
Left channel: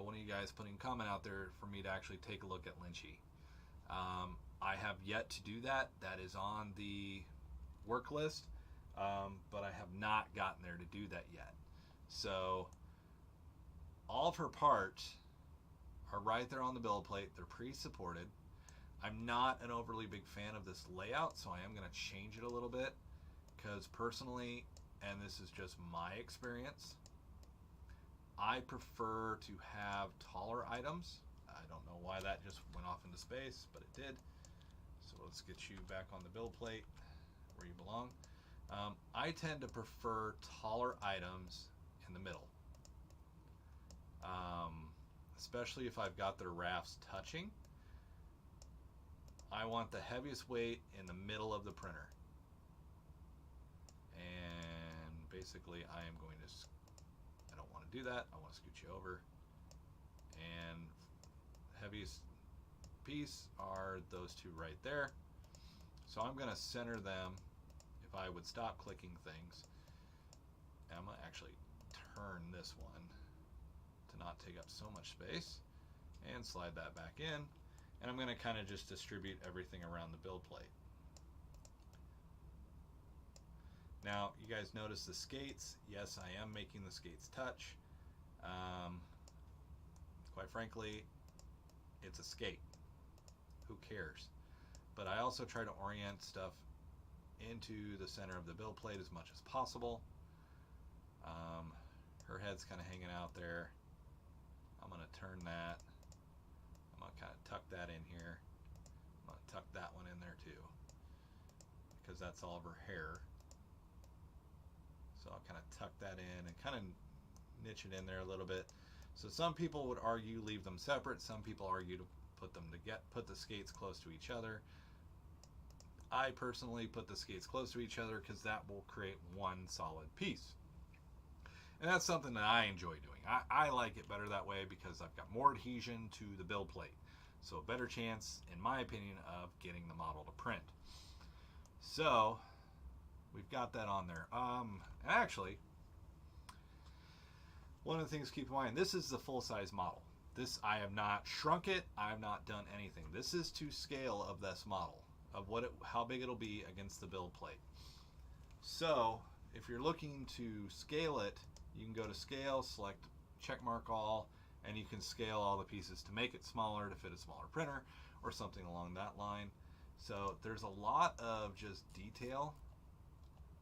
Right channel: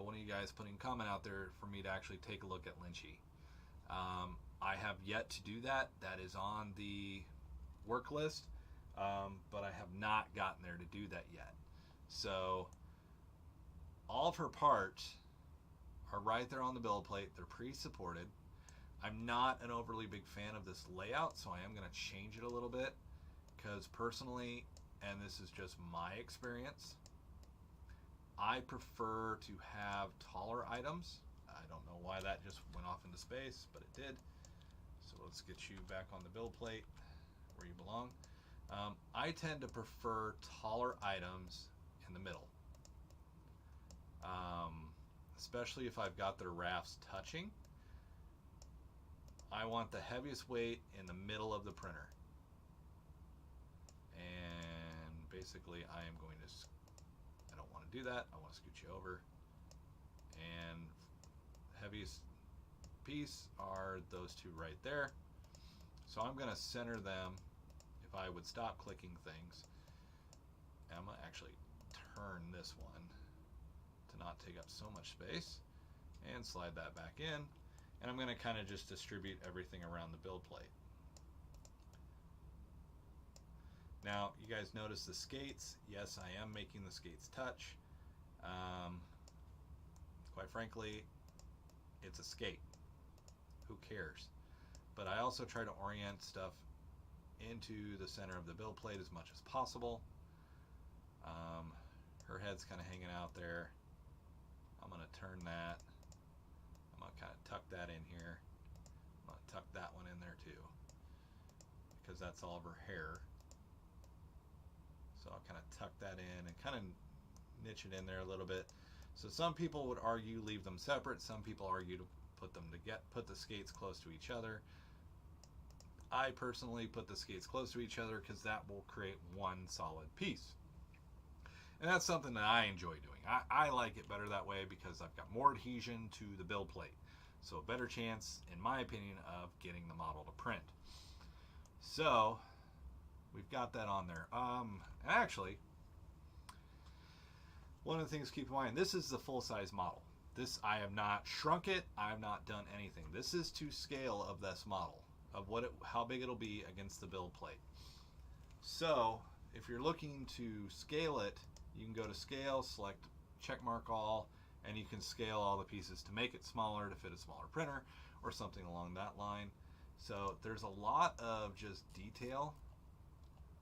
one of you guys putting a comment out there for me to actually take a look at Lynchy. I have yet to do that. That is on the work list, but I have not gotten there to do that yet. So, all of her parts are right there on the build plate. They're pre-supported. I'm not an overly big fan of this layout, so I am going to change it a little bit, because personally, and this is just my experience, I prefer to have taller items. I don't know why that just went off into space, but it did. So let's get you back on the build plate where you belong. I tend to prefer taller items in the middle, especially if I've got their rafts touching. I want the heaviest weight in the middle of the printer. And basically I am going to, I don't want to do that, I want to scoot you over. And heaviest piece are those two right there. So I'm going to center them. If I would stop clicking things, and I'm going to actually turn this one to not take up so much space, and slide that back in. And I'm going to kind of just distribute everything around the build plate. Now, you guys notice the skates. Yes, I am making the skates touch. Quite frankly, it's a skate. Who cares? But I also try to orient stuff into the center of the build plate as much as possible. Her head's kind of hanging out there. I'm going to turn that. I'm going to kind of tuck that in here. I'm going to tuck that one in there too, because that's all of her hair. So I'll kind of tuck that in and kind of niche it in there a little bit. So some people would argue leave them separate. Some people argue to put them put the skates close to each other. I personally put the skates close to each other because that will create one solid piece. And that's something that I enjoy doing. I like it better that way because I've got more adhesion to the build plate. So a better chance, in my opinion, of getting the model to print. So we've got that on there. Actually, one of the things to keep in mind, this is the full-size model. This, I have not shrunk it. I have not done anything. This is to scale of this model, of how big it'll be against the build plate. So if you're looking to scale it, you can go to scale, select check mark all, and you can scale all the pieces to make it smaller to fit a smaller printer or something along that line. So there's a lot of just detail,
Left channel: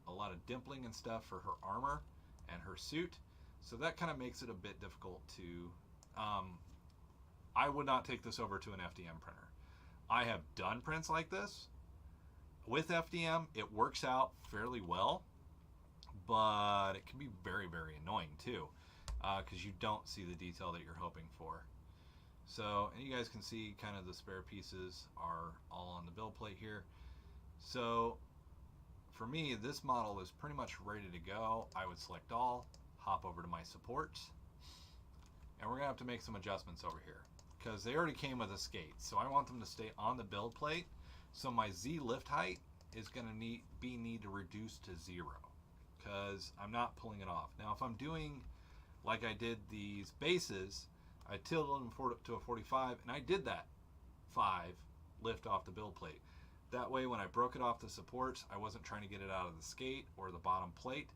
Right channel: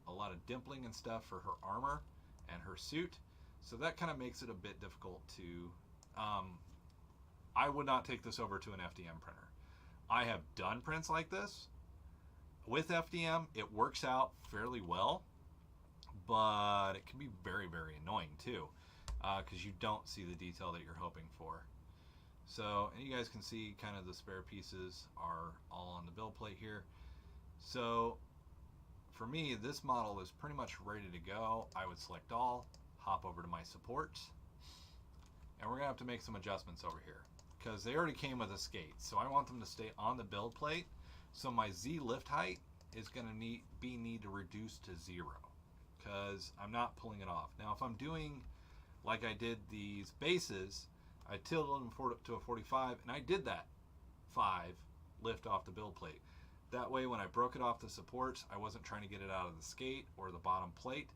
a lot of dimpling and stuff for her armor and her suit. So that kind of makes it a bit difficult to, I would not take this over to an FDM printer. I have done prints like this with FDM. It works out fairly well, but it can be very, very annoying too, because you don't see the detail that you're hoping for. So, and you guys can see kind of the spare pieces are all on the build plate here. So for me, this model is pretty much ready to go. I would select all, hop over to my supports, and we're gonna have to make some adjustments over here because they already came with a skate. So I want them to stay on the build plate. So my Z lift height is gonna need to reduce to 0 because I'm not pulling it off. Now, if I'm doing like I did these bases, I tilted them to a 45, and I did that 5 lift off the build plate. That way, when I broke it off the supports, I wasn't trying to get it out of the skate or the bottom plate,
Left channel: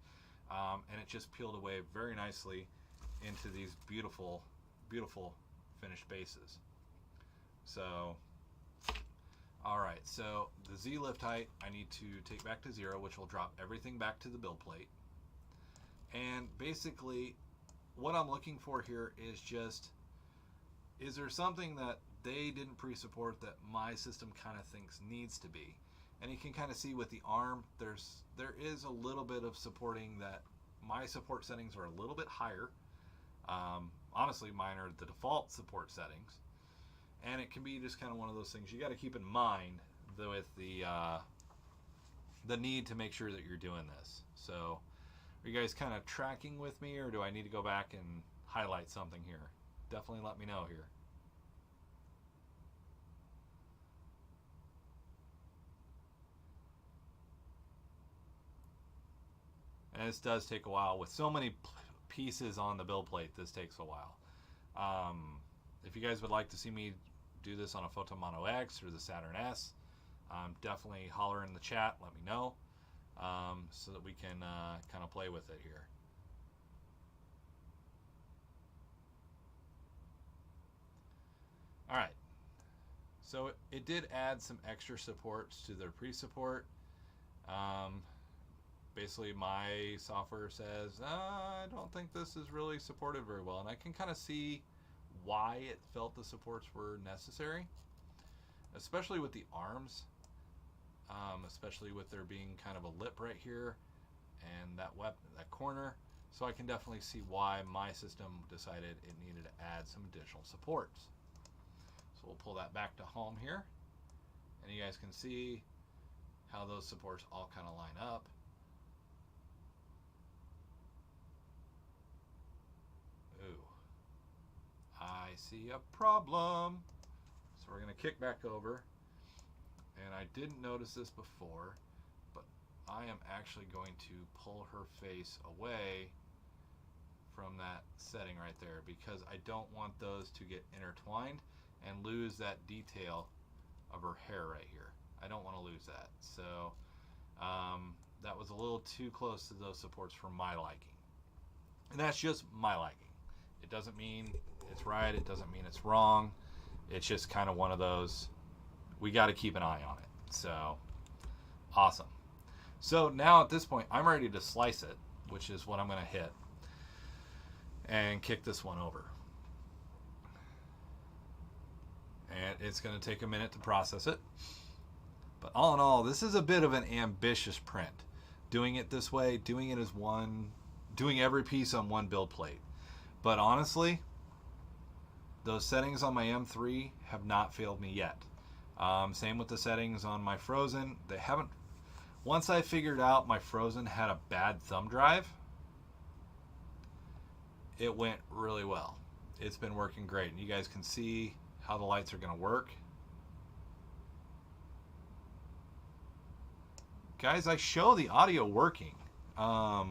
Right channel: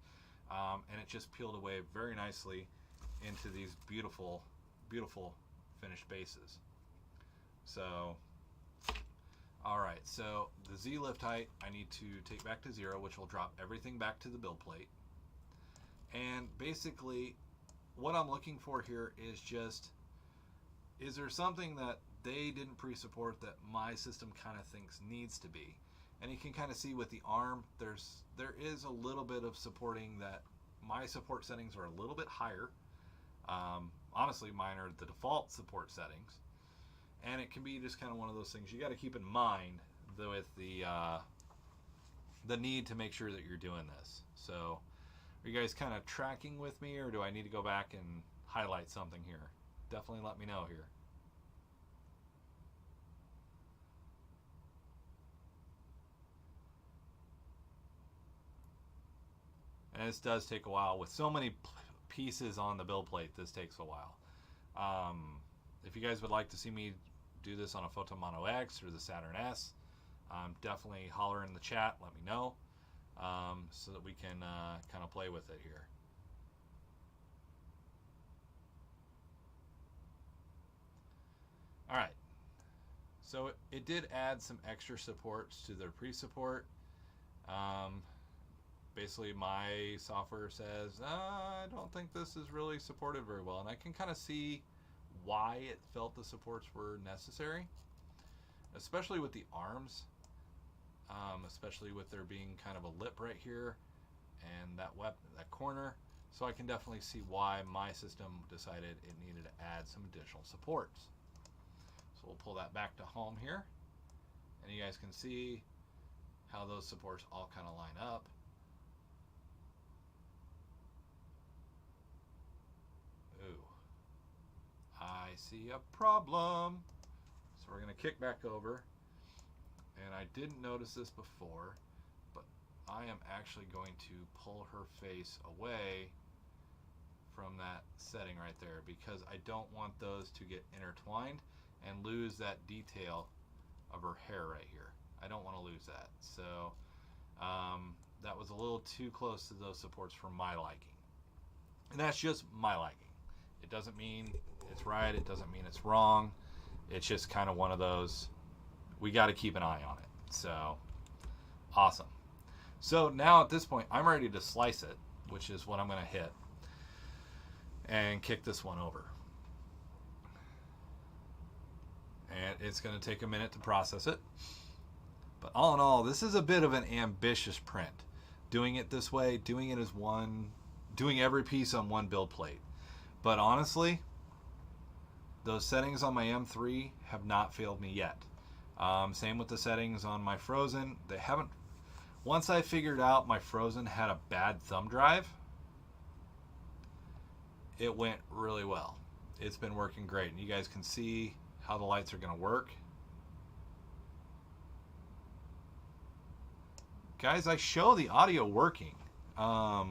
and it just peeled away very nicely into these beautiful, beautiful finished bases. So, all right, so the Z lift height I need to take back to 0, which will drop everything back to the build plate. And basically, what I'm looking for here is just, is there something that they didn't pre-support that my system kind of thinks needs to be? And you can kind of see with the arm, there is a little bit of supporting that my support settings are a little bit higher. honestly, mine are the default support settings. And it can be just kind of one of those things you got to keep in mind with the need to make sure that you're doing this. So, are you guys kind of tracking with me, or do I need to go back and highlight something here? Definitely let me know here. And this does take a while. With so many pieces on the build plate, this takes a while. If you guys would like to see me do this on a Photon Mono X or the Saturn S, definitely holler in the chat, let me know, so that we can kind of play with it here. All right, so it did add some extra supports to their pre-support. Basically, my software says, I don't think this is really supported very well, and I can kind of see why it felt the supports were necessary, especially with the arms, especially with there being kind of a lip right here and that corner. So I can definitely see why my system decided it needed to add some additional supports. So we'll pull that back to home here, and you guys can see how those supports all kind of line up. I see a problem. So we're going to kick back over. And I didn't notice this before, but I am actually going to pull her face away from that setting right there, because I don't want those to get intertwined and lose that detail of her hair right here. I don't want to lose that. So that was a little too close to those supports for my liking. And that's just my liking. It doesn't mean it's right, it doesn't mean it's wrong. It's just kind of one of those, we got to keep an eye on it. So, awesome. So now at this point, I'm ready to slice it, which is what I'm going to hit, and kick this one over. And it's going to take a minute to process it. But all in all, this is a bit of an ambitious print. Doing it this way, doing it as one, doing every piece on one build plate. But honestly, those settings on my M3 have not failed me yet. Same with the settings on my Frozen. They haven't. Once I figured out my Frozen had a bad thumb drive, it went really well. It's been working great, and you guys can see how the lights are going to work. Guys, I show the audio working. Let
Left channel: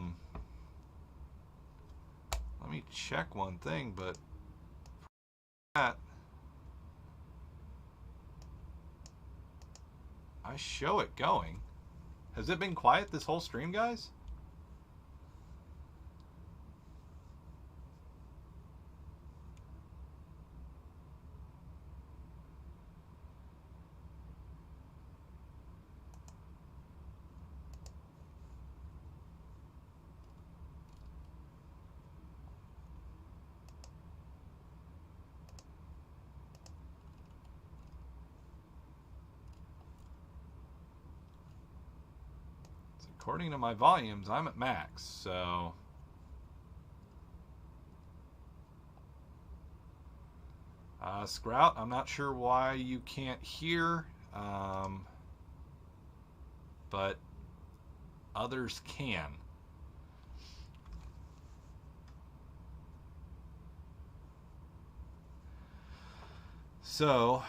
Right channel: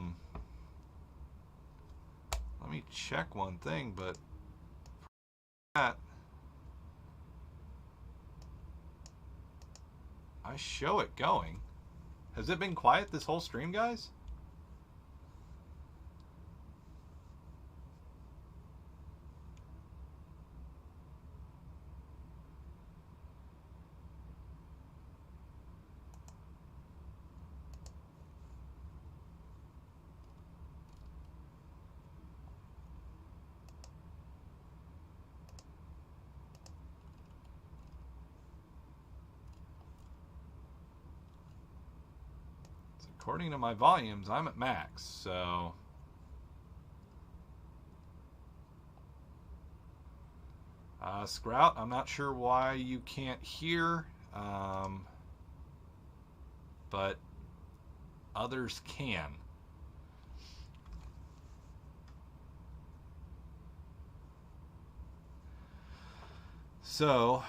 me check one thing, but that I show it going. Has it been quiet this whole stream, guys? According to my volumes, I'm at max, so Sprout, I'm not sure why you can't hear, but others can. So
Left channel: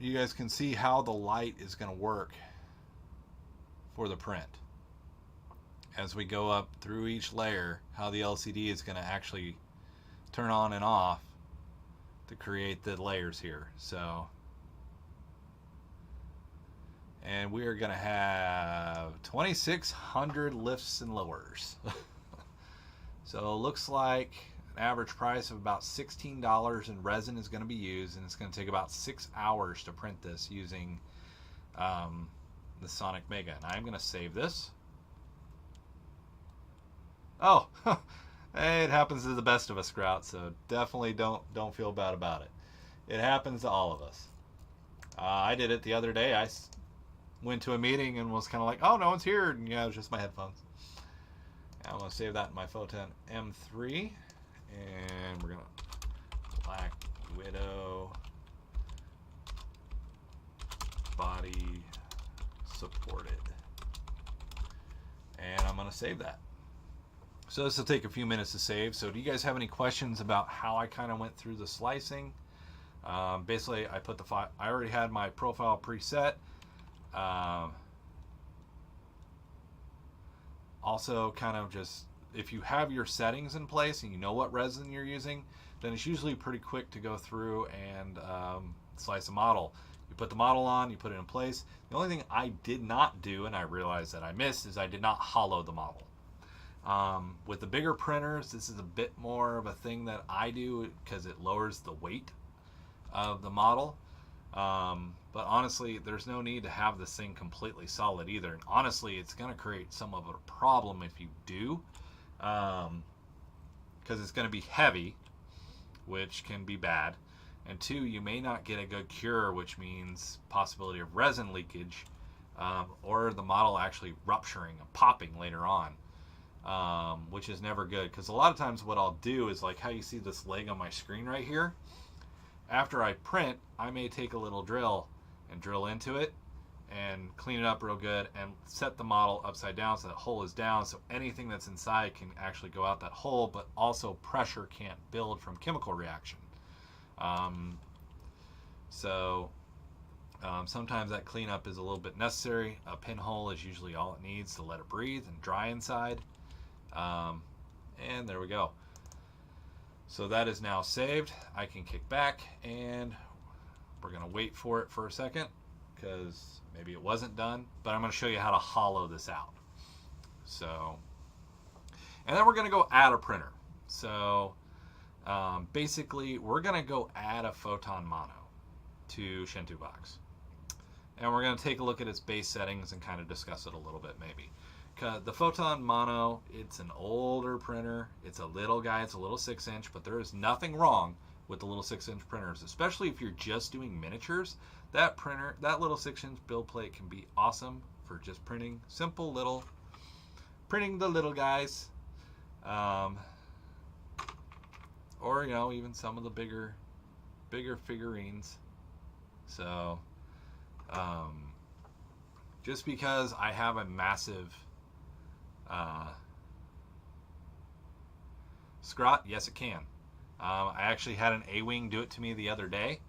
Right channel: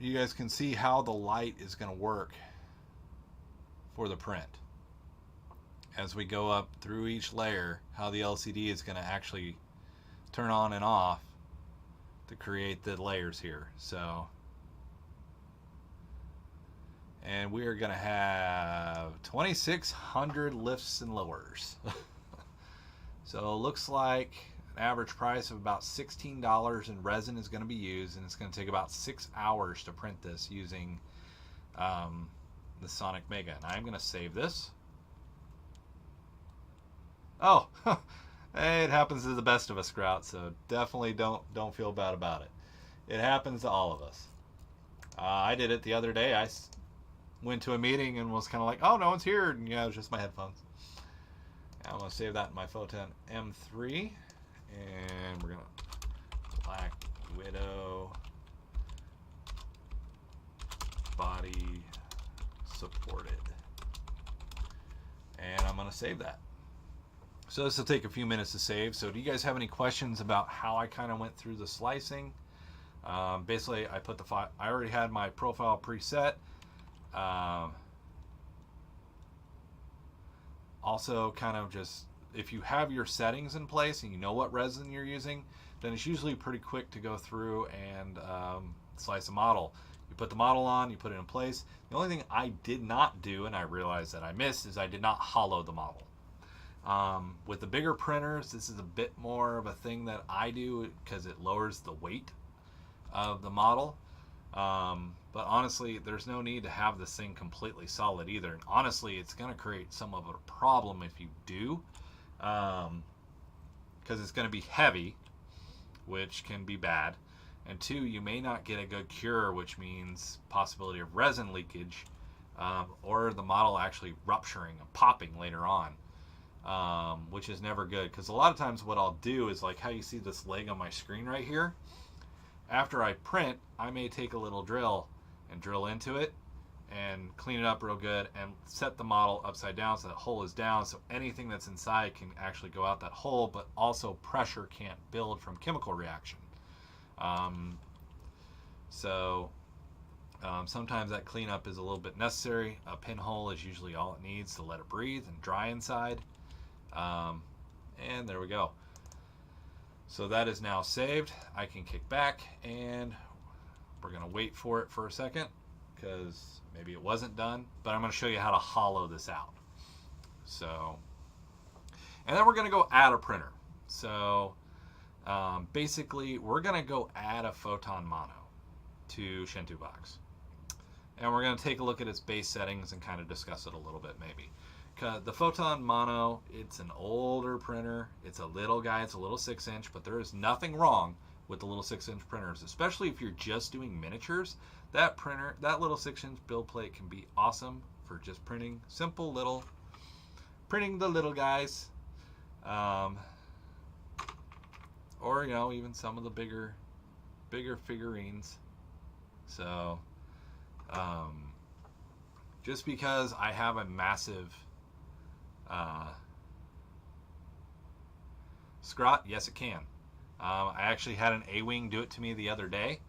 you guys can see how the light is going to work for the print. As we go up through each layer, how the LCD is going to actually turn on and off to create the layers here. So, and we are going to have 2,600 lifts and lowers. So it looks like an average price of about $16 in resin is going to be used, and it's going to take about 6 hours to print this using the Sonic Mega. And I'm going to save this. Oh, it happens to the best of us, Sprout, so definitely don't feel bad about it. It happens to all of us. I did it the other day. I went to a meeting and was kind of like, oh, no one's here. And yeah, it was just my headphones. I'm going to save that in my Photon M3. And we're going to Black Widow body supported. And I'm going to save that. So this will take a few minutes to save. So do you guys have any questions about how I kind of went through the slicing? Basically, I put the file. I already had my profile preset. Also, kind of just, if you have your settings in place and you know what resin you're using, then it's usually pretty quick to go through and slice a model. You put the model on, you put it in place. The only thing I did not do, and I realized that I missed, is I did not hollow the model. With the bigger printers, this is a bit more of a thing that I do because it lowers the weight of the model. But honestly, there's no need to have this thing completely solid either. And honestly, it's going to create some of a problem if you do, because it's going to be heavy, which can be bad. And two, you may not get a good cure, which means possibility of resin leakage, or the model actually rupturing and popping later on, which is never good. Because a lot of times what I'll do is like how you see this leg on my screen right here. After I print, I may take a little drill and drill into it and clean it up real good and set the model upside down so that hole is down, so anything that's inside can actually go out that hole, but also pressure can't build from chemical reaction. Sometimes that cleanup is a little bit necessary. A pinhole is usually all it needs to let it breathe and dry inside. And there we go. So that is now saved. I can kick back and we're going to wait for it for a second because maybe it wasn't done, but I'm going to show you how to hollow this out. So, and then we're going to go add a printer. So basically we're going to go add a photon mono to Shinto Box. And we're going to take a look at its base settings and kind of discuss it a little bit maybe. The Photon Mono, it's an older printer. It's a little guy, it's a little 6-inch, but there is nothing wrong with the little 6-inch printers, especially if you're just doing miniatures. That printer, that little 6-inch build plate can be awesome for just printing simple little, printing the little guys. Or, you know, even some of the bigger figurines. So, just because I have a massive Scrot, yes it can. I actually had an A-wing do it to me the other day.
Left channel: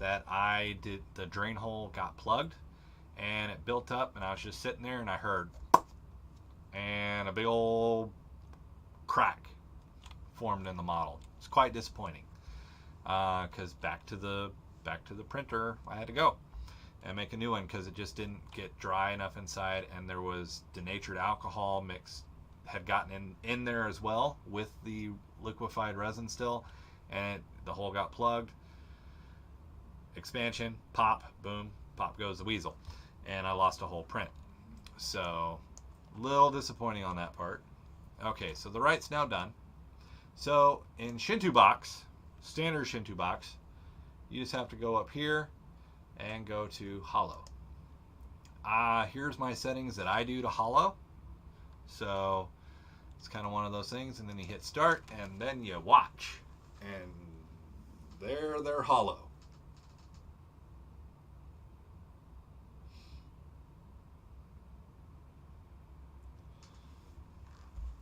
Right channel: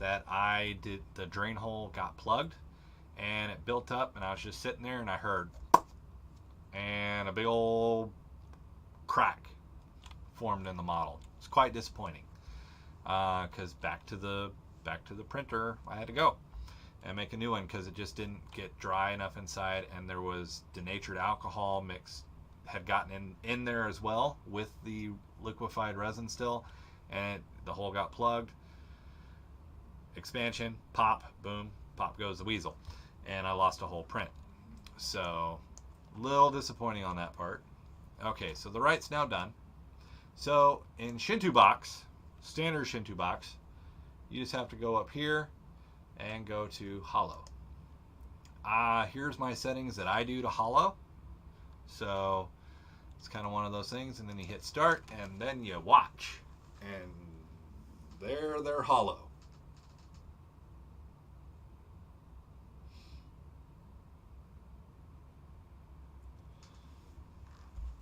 That I did, the drain hole got plugged and it built up, and I was just sitting there and I heard and a big old crack formed in the model. It's quite disappointing because back to the printer I had to go and make a new one because it just didn't get dry enough inside, and there was denatured alcohol mixed, had gotten in there as well with the liquefied resin still, and the hole got plugged. Expansion, pop, boom, pop goes the weasel, and I lost a whole print. So, little disappointing on that part. Okay, so the right's now done. So in Shinto Box, standard Shinto Box, you just have to go up here and go to hollow. Here's my settings that I do to hollow. So it's kind of one of those things, and then you hit start and then you watch, and they're hollow.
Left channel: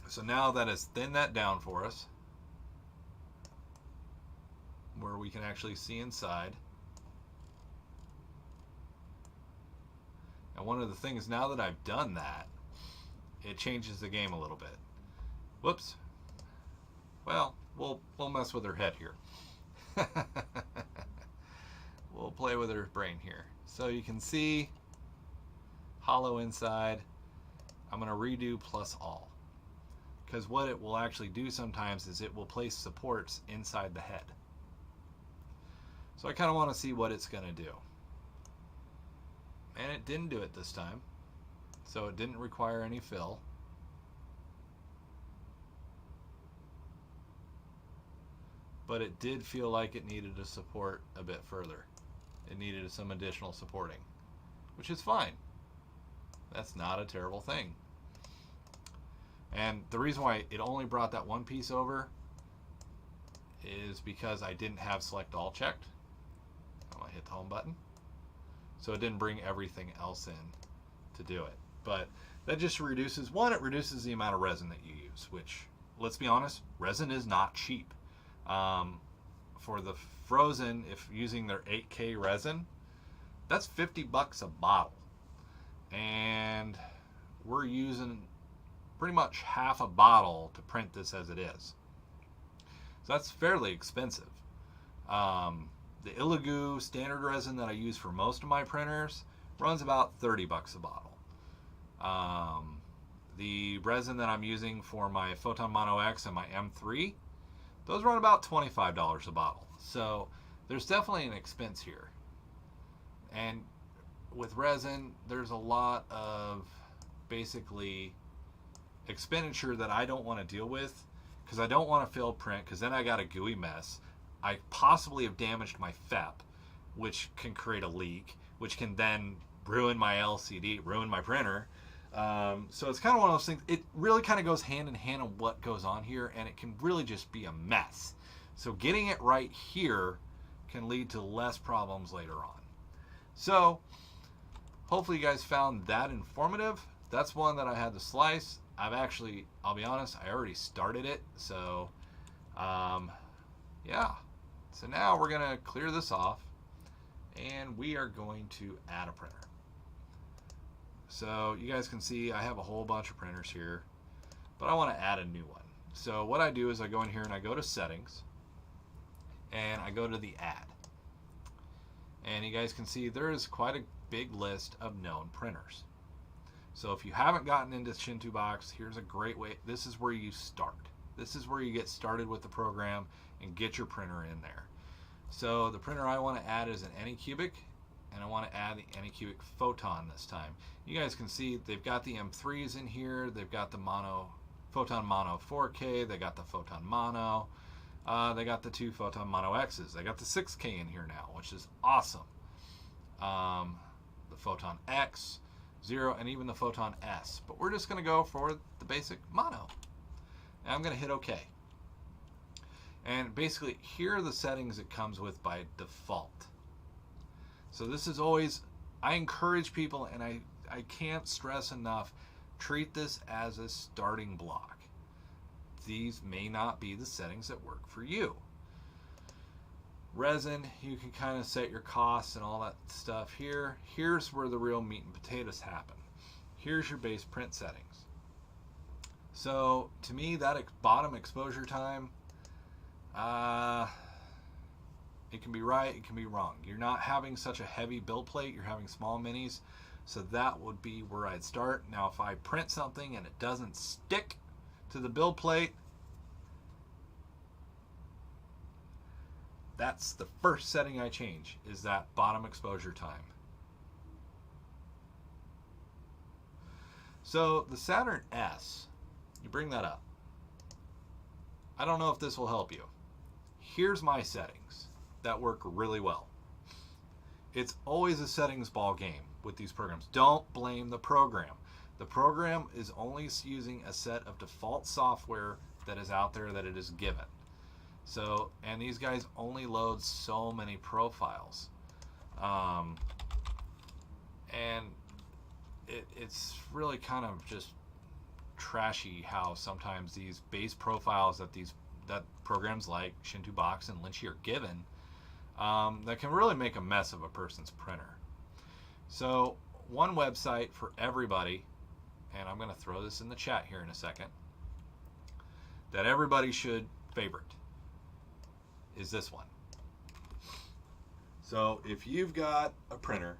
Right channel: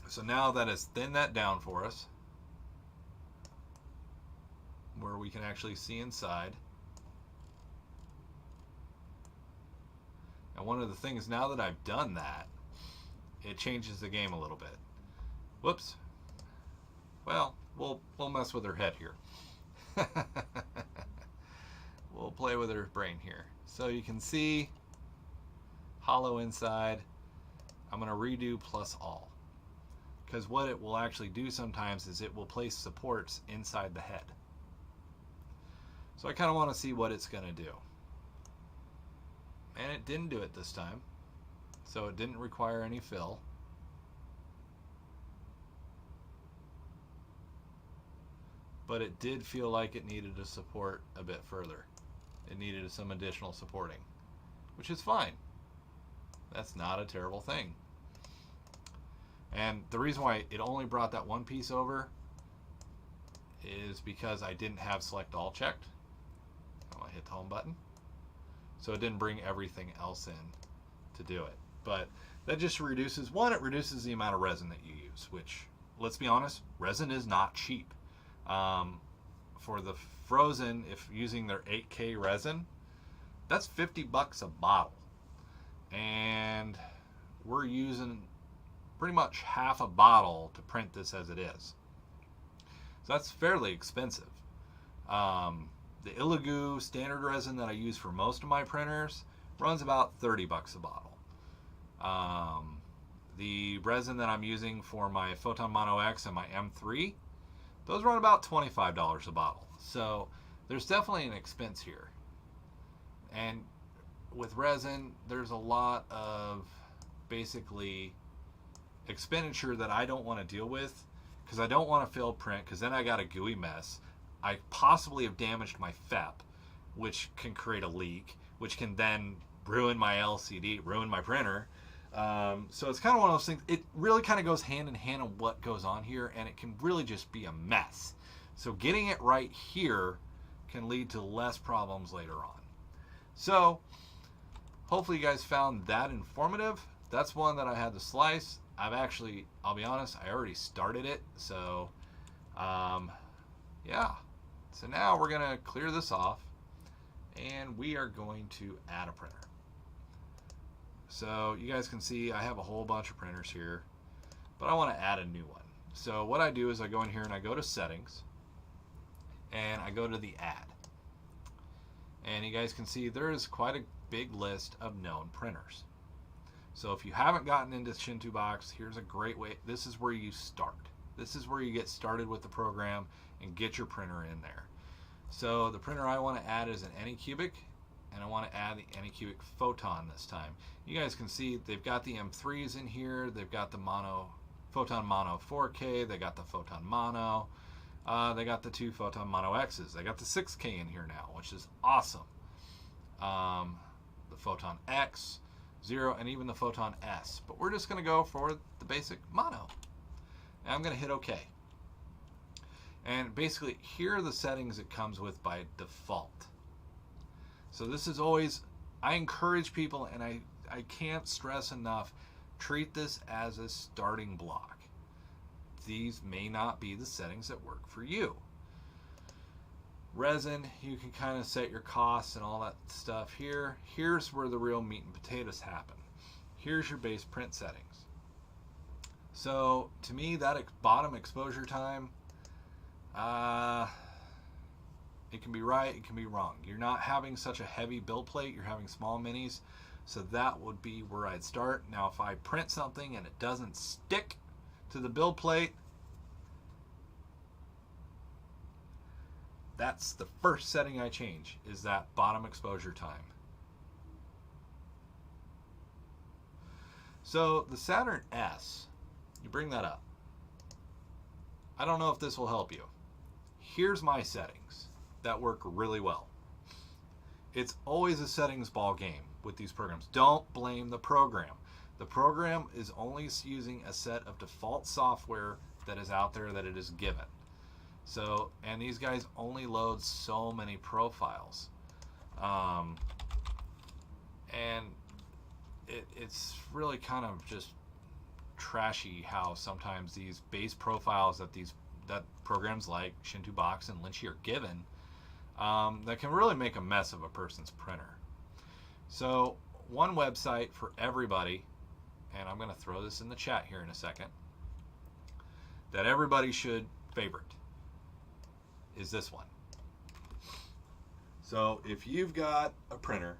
So now that has thinned that down for us, where we can actually see inside. And one of the things, now that I've done that, it changes the game a little bit. Whoops. Well, we'll mess with her head here. We'll play with her brain here. So you can see hollow inside. I'm going to redo plus all. Because what it will actually do sometimes is it will place supports inside the head. So I kind of want to see what it's going to do. And it didn't do it this time. So it didn't require any fill. But it did feel like it needed to support a bit further. It needed some additional supporting, which is fine. That's not a terrible thing. And the reason why it only brought that one piece over is because I didn't have select all checked. I'm gonna hit the home button. So it didn't bring everything else in to do it. But that just reduces, one, it reduces the amount of resin that you use, which, let's be honest, resin is not cheap. For the frozen, if using their 8K resin, that's $50 a bottle. And we're using pretty much half a bottle to print this as it is. So that's fairly expensive. The Illigu standard resin that I use for most of my printers runs about $30 a bottle. The resin that I'm using for my Photon Mono X and my M3, those run about $25 a bottle. So there's definitely an expense here. And with resin, there's a lot of basically expenditure that I don't want to deal with, because I don't want to fail print, because then I got a gooey mess. I possibly have damaged my FEP, which can create a leak, which can then ruin my LCD, ruin my printer. So it's kind of one of those things. It really kind of goes hand in hand on what goes on here, and it can really just be a mess. So getting it right here can lead to less problems later on. So hopefully you guys found that informative. That's one that I had to slice. I'll be honest, I already started it. So yeah. So now we're gonna clear this off, and we are going to add a printer. So you guys can see I have a whole bunch of printers here, but I want to add a new one. So what I do is I go in here and I go to settings, and I go to the add. And you guys can see there is quite a big list of known printers. So if you haven't gotten into Shinto Box, here's a great way. This is where you start. This is where you get started with the program and get your printer in there. So the printer I want to add is an Anycubic, and I want to add the Anycubic Photon this time. You guys can see they've got the M3s in here. They've got the Photon Mono 4K. They got the Photon Mono. They got the 2 Photon Mono X's. They got the 6K in here now, which is awesome. The Photon X, 0, and even the Photon S. But we're just going to go for the basic mono. And I'm going to hit OK. And basically, here are the settings it comes with by default. So this is always, I encourage people, and I can't stress enough, treat this as a starting block. These may not be the settings that work for you. Resin, you can kind of set your costs and all that stuff here. Here's where the real meat and potatoes happen. Here's your base print settings. So to me, that bottom exposure time, it can be right, it can be wrong. You're not having such a heavy build plate, you're having small minis, so that would be where I'd start. Now if I print something and it doesn't stick to the build plate, that's the first setting I change, is that bottom exposure time. So the Saturn S, you bring that up. I don't know if this will help you. Here's my settings that work really well. It's always a settings ball game with these programs. Don't blame the program. The program is only using a set of default software that is out there that it is given. So, and these guys only load so many profiles. And it's really kind of just trashy how sometimes these base profiles that programs like Shinto Box and Lynchy are given, that can really make a mess of a person's printer. So one website for everybody, and I'm going to throw this in the chat here in a second, that everybody should favorite is this one. So if you've got a printer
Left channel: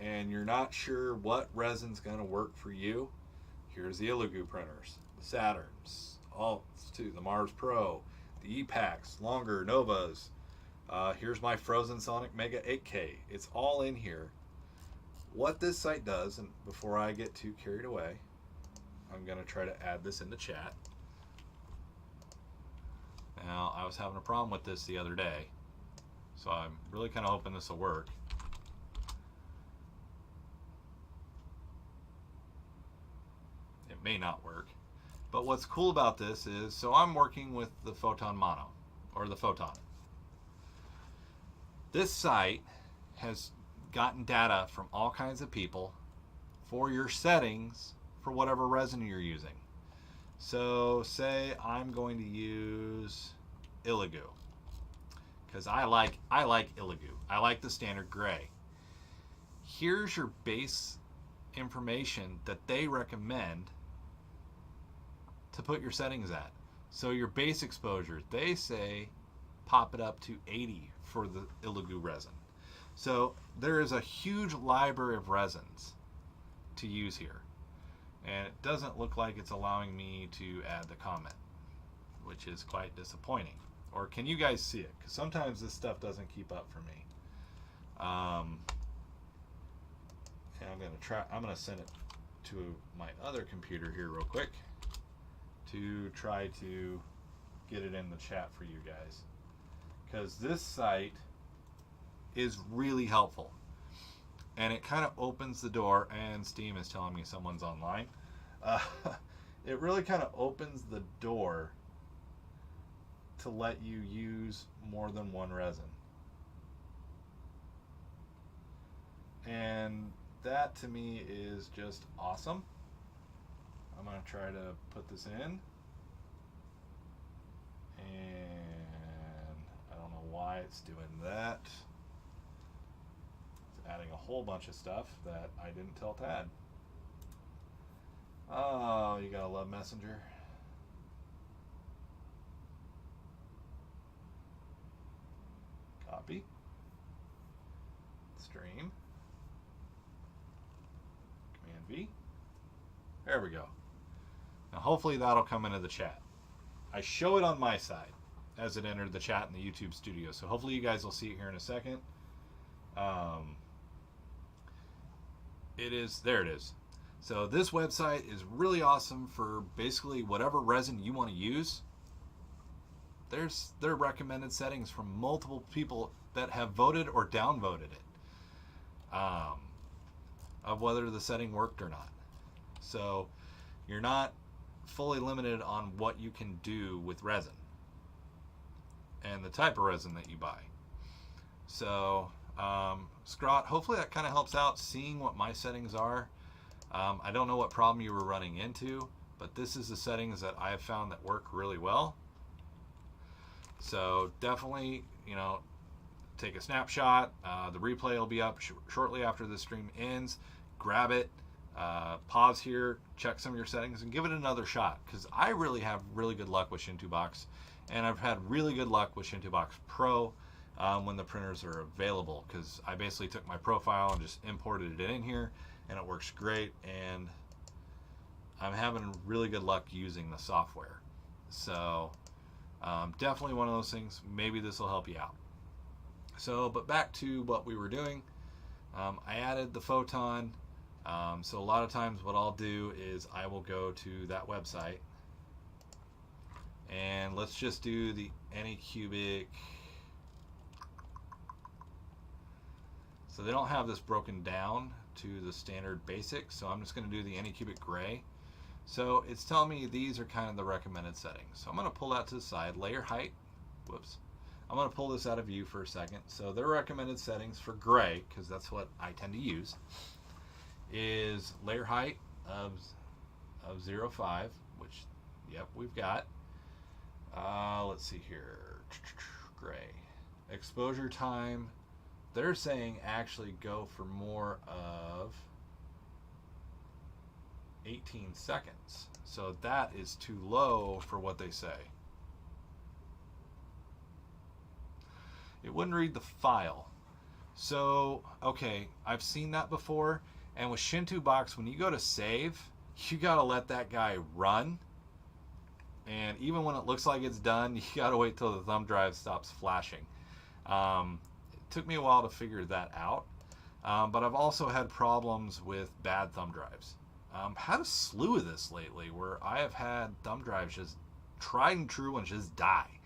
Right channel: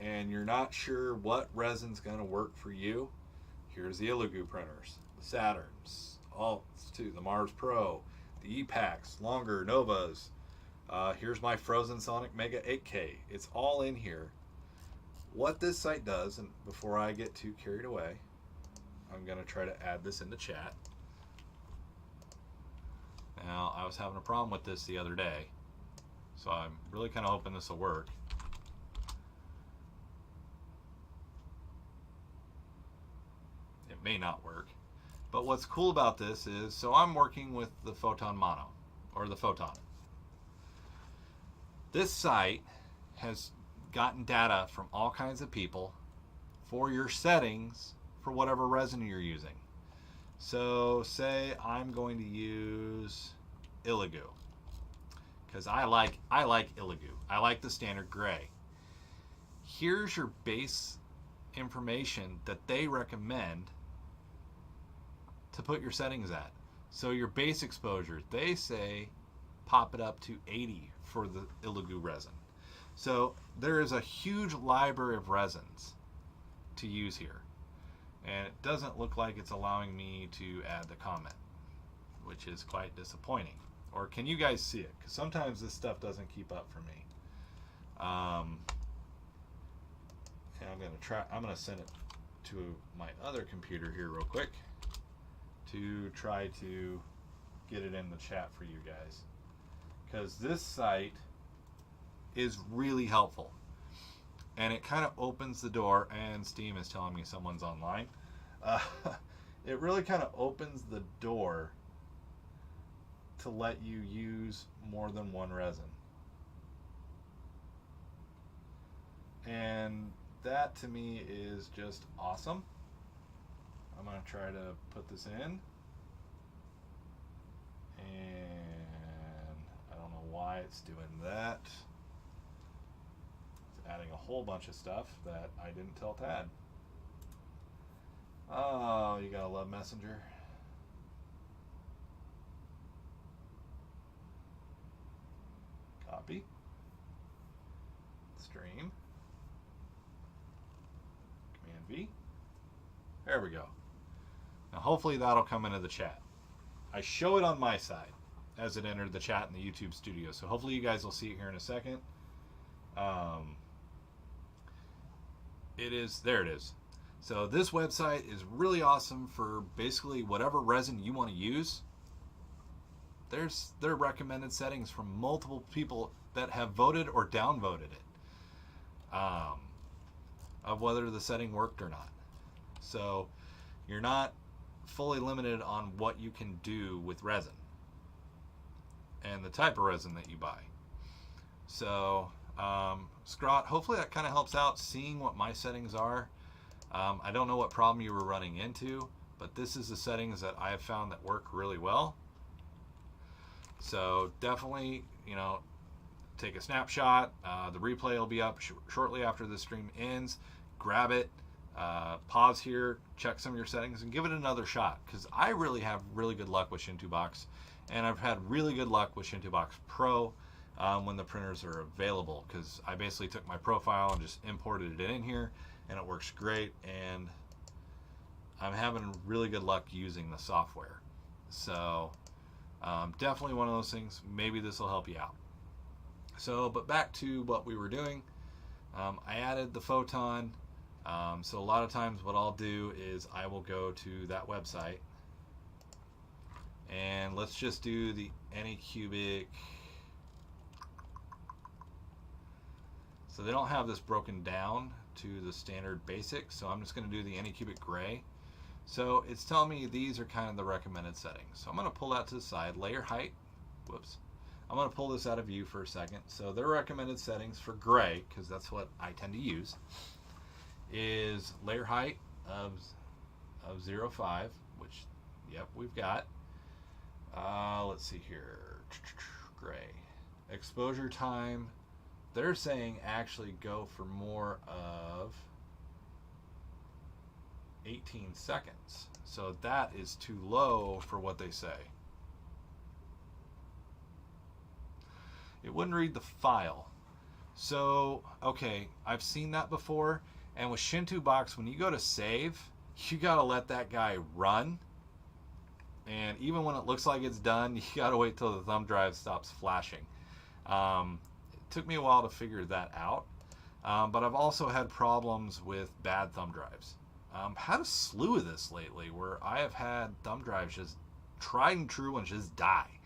and you're not sure what resin's going to work for you, here's the Illigu printers, the Saturns, Alts too, the Mars Pro, the EPACs, longer Novas. Here's my Frozen Sonic Mega 8K. It's all in here. What this site does, and before I get too carried away, I'm going to try to add this in the chat. Now, I was having a problem with this the other day, so I'm really kind of hoping this will work. It may not work, But what's cool about this is, so I'm working with the Photon Mono, or the Photon. This site has gotten data from all kinds of people for your settings for whatever resin you're using. So say I'm going to use Illigu, because I like Illigu. I like the standard gray. Here's your base information that they recommend to put your settings at. So your base exposure, they say pop it up to 80 for the Illigu resin. So there is a huge library of resins to use here. And it doesn't look like it's allowing me to add the comment, which is quite disappointing. Or can you guys see it? Because sometimes this stuff doesn't keep up for me. And I'm gonna send it to my other computer here real quick to try to get it in the chat for you guys. Because this site is really helpful. And it kind of opens the door, and Steam is telling me someone's online. It really kind of opens the door to let you use more than one resin. And that to me is just awesome. I'm going to try to put this in. And I don't know why it's doing that. Adding a whole bunch of stuff that I didn't tell to add. Oh, you gotta love Messenger. Copy. Stream. Command V. There we go. Now hopefully that'll come into the chat. I show it on my side as it entered the chat in the YouTube studio, so hopefully you guys will see it here in a second. There it is. So this website is really awesome for basically whatever resin you want to use. There's their recommended settings from multiple people that have voted or downvoted it, of whether the setting worked or not. So you're not fully limited on what you can do with resin and the type of resin that you buy. So Scrot, hopefully that kind of helps out seeing what my settings are. I don't know what problem you were running into, but this is the settings that I have found that work really well. So definitely, take a snapshot. The replay will be up shortly after the stream ends. Grab it, pause here, check some of your settings, and give it another shot, because I really have really good luck with Shintobox, and I've had really good luck with Shintobox Pro when the printers are available, because I basically took my profile and just imported it in here, and it works great, and I'm having really good luck using the software. So definitely one of those things. Maybe this will help you out. So, but back to what we were doing. I added the Photon. So a lot of times what I'll do is I will go to that website, and let's just do the Anycubic. So they don't have this broken down to the standard basic, so I'm just going to do the Anycubic gray. So it's telling me these are kind of the recommended settings. So I'm going to pull that to the side. Layer height, whoops. I'm going to pull this out of view for a second. So their recommended settings for gray, because that's what I tend to use, is layer height of 0.5, which, yep, we've got. Let's see here, gray. Exposure time, they're saying actually go for more of 18 seconds. So that is too low for what they say. It wouldn't read the file. So, okay, I've seen that before. And with Shintobox, when you go to save, you gotta let that guy run. And even when it looks like it's done, you gotta wait till the thumb drive stops flashing. It took me a while to figure that out. But I've also had problems with bad thumb drives. Had a slew of this lately where I have had thumb drives just tried and true ones just die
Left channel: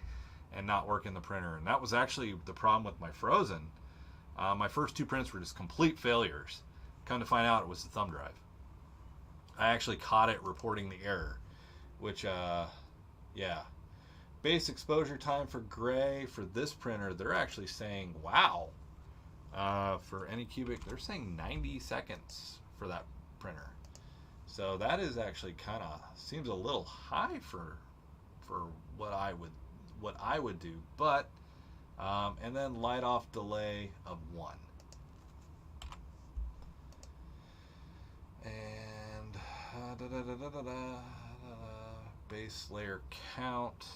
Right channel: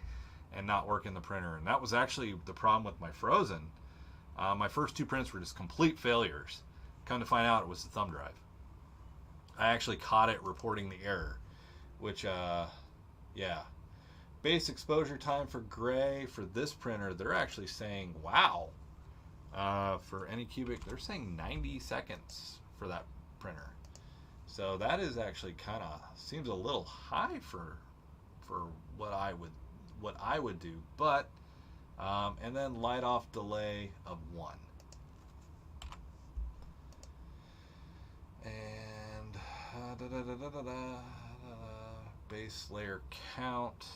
and not work in the printer. And that was actually the problem with my Frozen. My first two prints were just complete failures. Come to find out it was the thumb drive. I actually caught it reporting the error. which yeah. Base exposure time for gray for this printer, they're actually saying, wow. For Anycubic, they're saying 90 seconds for that printer. So that is actually kind of seems a little high for what I would do, but and then light off delay of 1. And base layer count.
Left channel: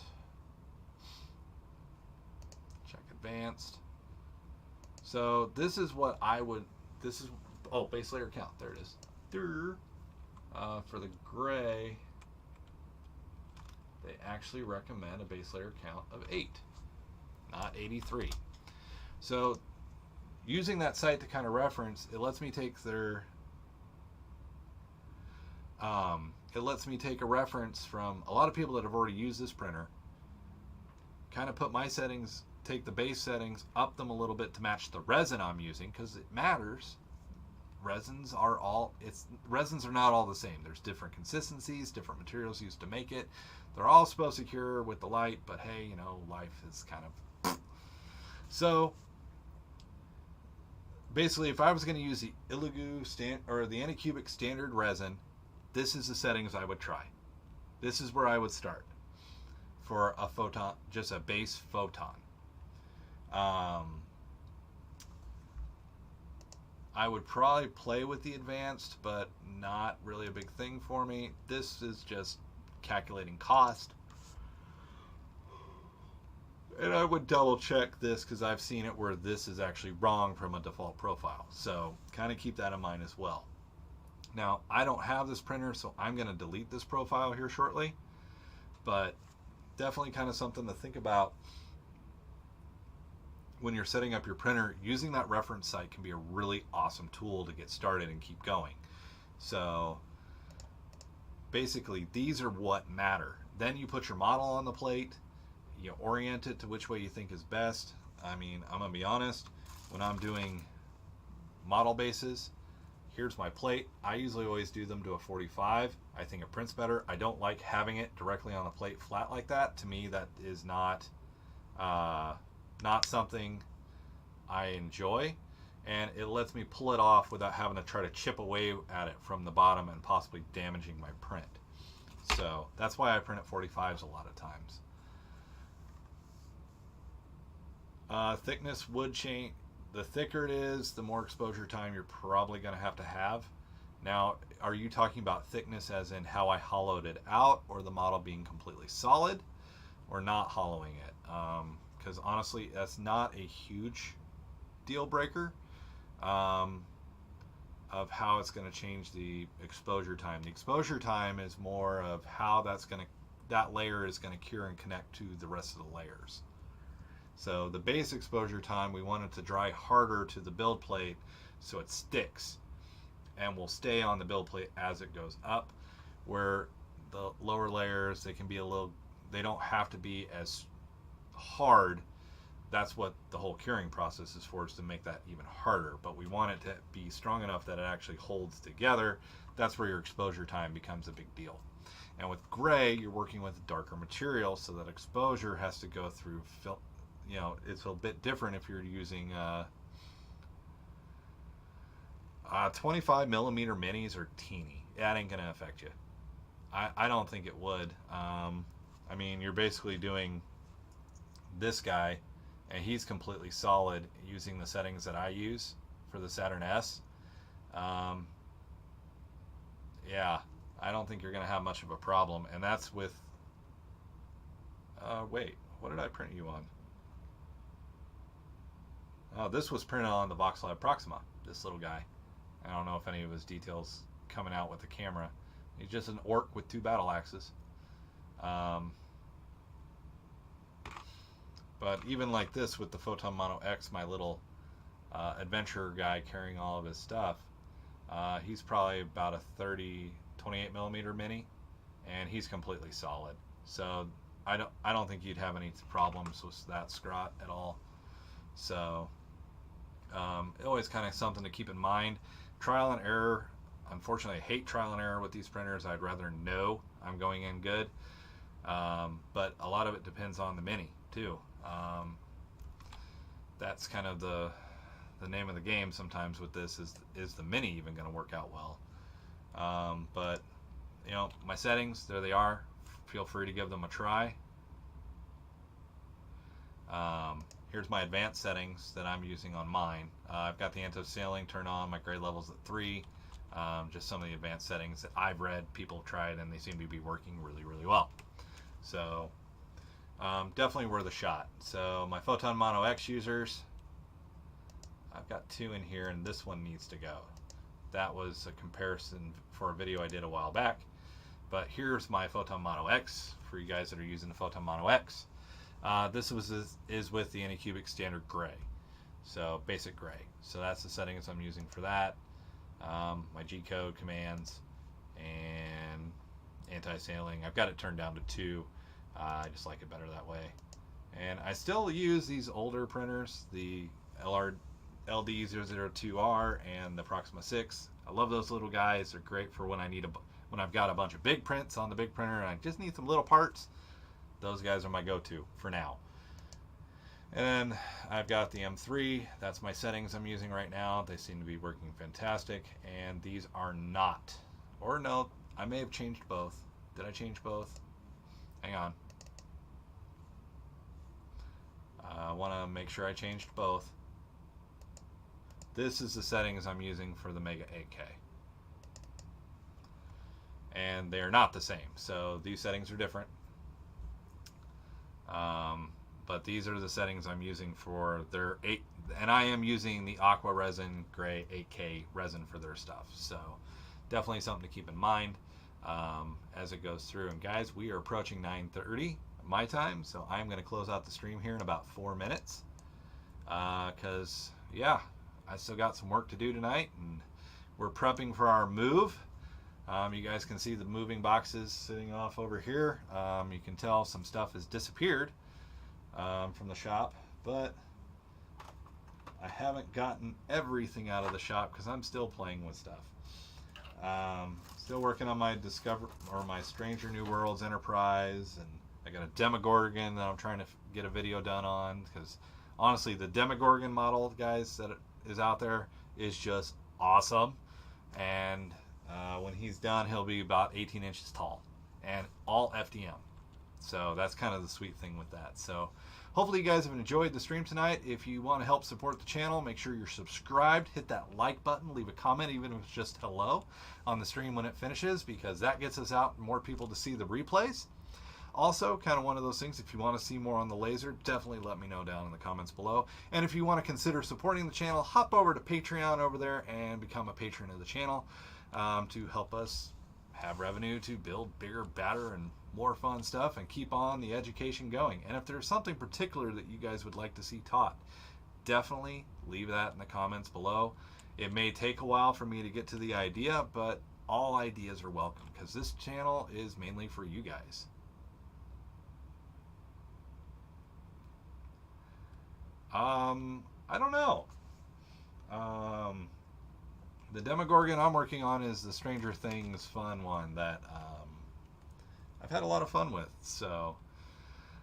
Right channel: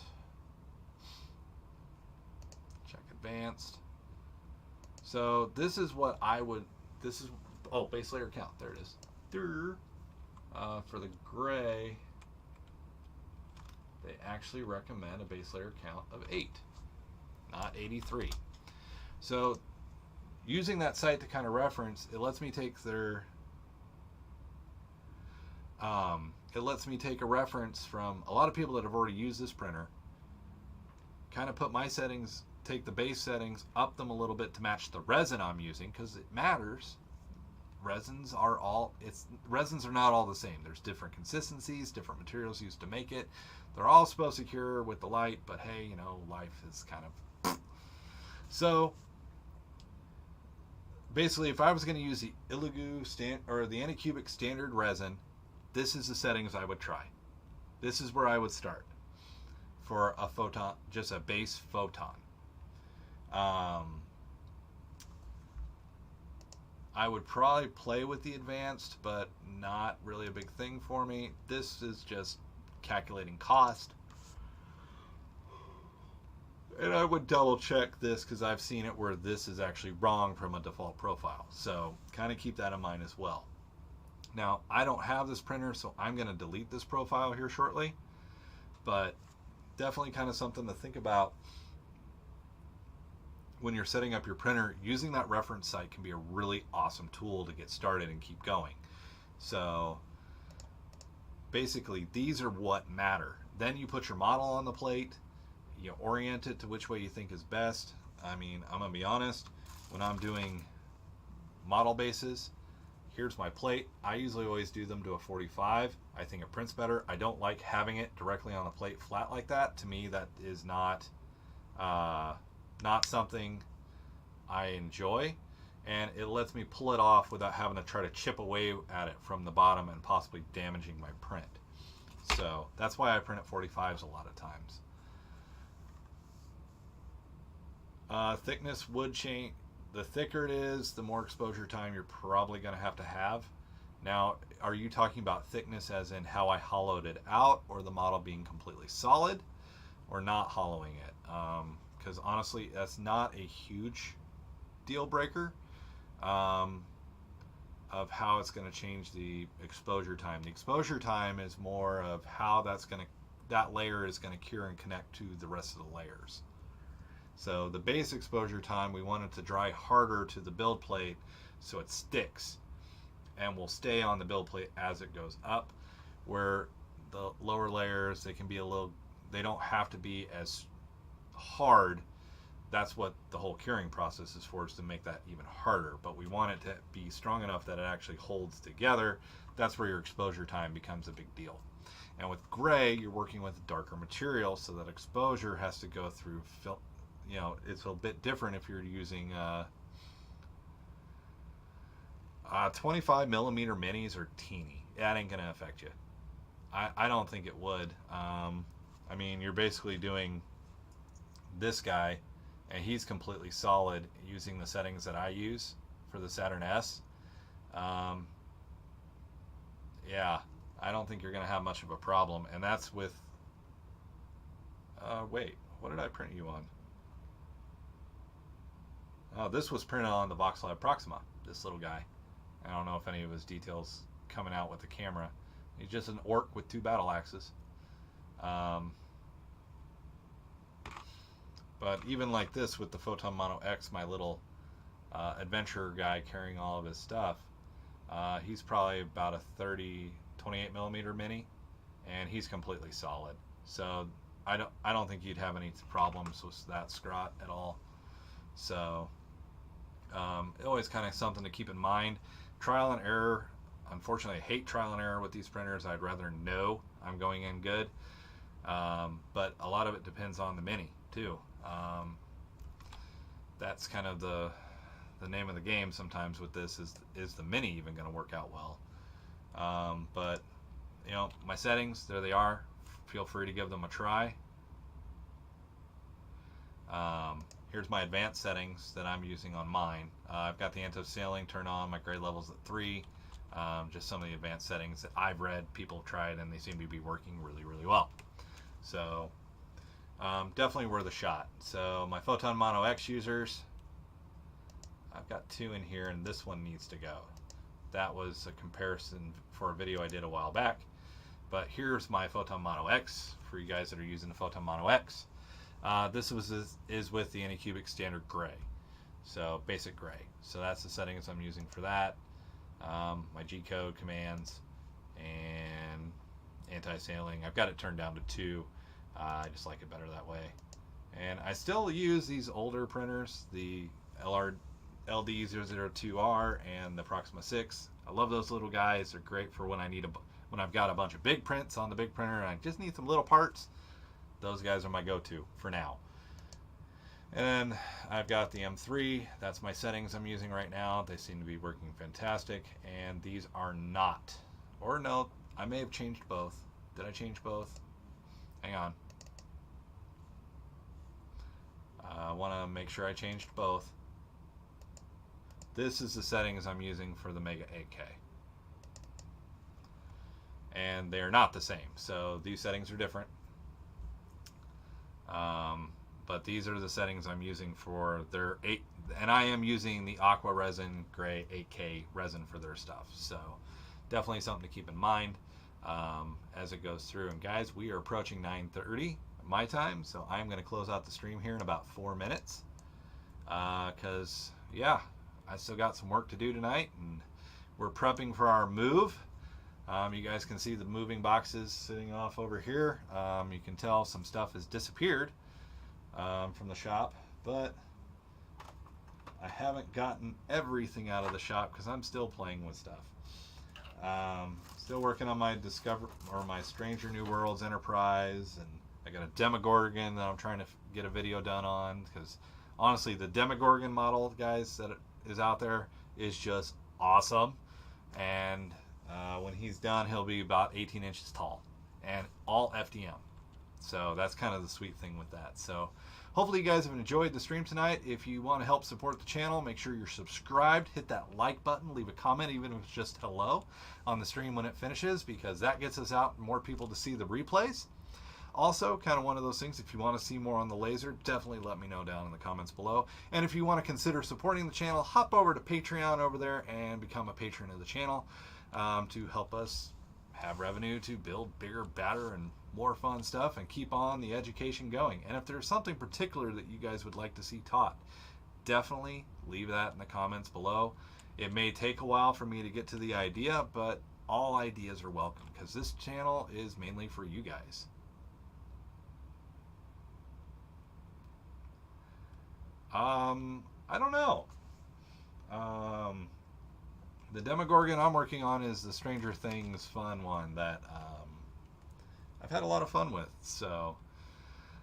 Check advanced. So this is what I would. This is base layer count. There it is. For the gray, they actually recommend a base layer count of 8, not 83. So using that site to kind of reference, it lets me take their it lets me take a reference from a lot of people that have already used this printer, kind of put my settings, take the base settings, up them a little bit to match the resin I'm using, because it matters. Resins are not all the same. There's different consistencies, different materials used to make it. They're all supposed to cure with the light, but hey, you know, life is kind of so basically, if I was going to use the Illugu or the Anycubic standard resin, this is the settings I would try. This is where I would start for a photon, just a base photon. I would probably play with the advanced, but not really a big thing for me. This is just calculating cost. And I would double check this because I've seen it where this is actually wrong from a default profile. So kind of keep that in mind as well. Now, I don't have this printer, so I'm going to delete this profile here shortly. But definitely kind of something to think about when you're setting up your printer. Using that reference site can be a really awesome tool to get started and keep going. So basically, these are what matter. Then you put your model on the plate, you orient it to which way you think is best. I mean, I'm gonna be honest, when I'm doing model bases, here's my plate. I usually always do them to a 45. I think it prints better. I don't like having it directly on a plate flat like that. To me, that is not something I enjoy, and it lets me pull it off without having to try to chip away at it from the bottom and possibly damaging my print. So that's why I print at 45s a lot of times. Thickness would change. The thicker it is, the more exposure time you're probably going to have. Now, are you talking about thickness as in how I hollowed it out, or the model being completely solid, or not hollowing it? Because honestly, that's not a huge deal breaker of how it's going to change the exposure time. The exposure time is more of how that layer is going to cure and connect to the rest of the layers. So the base exposure time, we want it to dry harder to the build plate so it sticks and will stay on the build plate as it goes up, where the lower layers, they don't have to be as hard. That's what the whole curing process is for, is to make that even harder. But we want it to be strong enough that it actually holds together. That's where your exposure time becomes a big deal. And with gray, you're working with darker material, so that exposure has to go through, you know, it's a bit different if you're using 25 millimeter minis are teeny. That ain't gonna affect you. I don't think it would. I mean, you're basically doing this guy, and he's completely solid using the settings that I use for the Saturn S. Yeah, I don't think you're gonna have much of a problem, and that's with wait, what did I print you on? Oh, this was printed on the VoxLab Proxima, this little guy. I don't know if any of his details coming out with the camera. He's just an orc with 2 battle axes. But even like this with the Photon Mono X, my little adventurer guy carrying all of his stuff, he's probably about a 28 millimeter mini, and he's completely solid. So I don't think you'd have any problems with that scrot at all. So always kind of something to keep in mind. Trial and error. unfortunately, I hate trial and error with these printers. I'd rather know I'm going in good. But a lot of it depends on the Mini too. That's kind of the name of the game sometimes with this, is the Mini even going to work out well? But you know, my settings, there they are. Feel free to give them a try. Here's my advanced settings that I'm using on mine. I've got the anti-sailing turned on, my gray level's at 3. Just some of the advanced settings that I've read, people have tried, and they seem to be working really, really well. So definitely worth a shot. So my Photon Mono X users, I've got 2 in here, and this one needs to go. That was a comparison for a video I did a while back. But here's my Photon Mono X for you guys that are using the Photon Mono X. This is with the Anycubic standard gray, so basic gray. So that's the settings I'm using for that. My G-code commands and anti-sailing. I've got it turned down to 2. I just like it better that way. And I still use these older printers, the LD002R and the Proxima 6. I love those little guys. They're great for when I've got a bunch of big prints on the big printer and I just need some little parts. Those guys are my go-to for now. And I've got the M3. That's my settings I'm using right now. They seem to be working fantastic. And these are not, or no, I may have changed both. Did I change both? Hang on. I want to make sure I changed both. This is the settings I'm using for the Mega 8K. And they're not the same. So these settings are different. But these are the settings I'm using for their 8, and I am using the Aqua Resin Gray 8K resin for their stuff. So definitely something to keep in mind as it goes through. And guys, we are approaching 9:30 my time, so I'm going to close out the stream here in about 4 minutes. Because yeah, I still got some work to do tonight, and we're prepping for our move. You guys can see the moving boxes sitting off over here. You can tell some stuff has disappeared from the shop, but I haven't gotten everything out of the shop because I'm still playing with stuff. Still working on my my Stranger New Worlds Enterprise, and I got a Demogorgon that I'm trying to get a video done on, because honestly, the Demogorgon model, guys, that is out there is just awesome. And when he's done, he'll be about 18 inches tall and all FDM. So that's kind of the sweet thing with that. So hopefully you guys have enjoyed the stream tonight. If you want to help support the channel, make sure you're subscribed, hit that like button, leave a comment, even if it's just hello on the stream when it finishes, because that gets us out and more people to see the replays. Also, kind of one of those things, if you want to see more on the laser, definitely let me know down in the comments below. And if you want to consider supporting the channel, hop over to Patreon over there and become a patron of the channel to help us have revenue to build bigger, badder, and more fun stuff and keep on the education going. And if there's something particular that you guys would like to see taught, definitely leave that in the comments below. It may take a while for me to get to the idea, but all ideas are welcome, because this channel is mainly for you guys. I don't know. The Demogorgon I'm working on is the Stranger Things fun one that I've had a lot of fun with. So,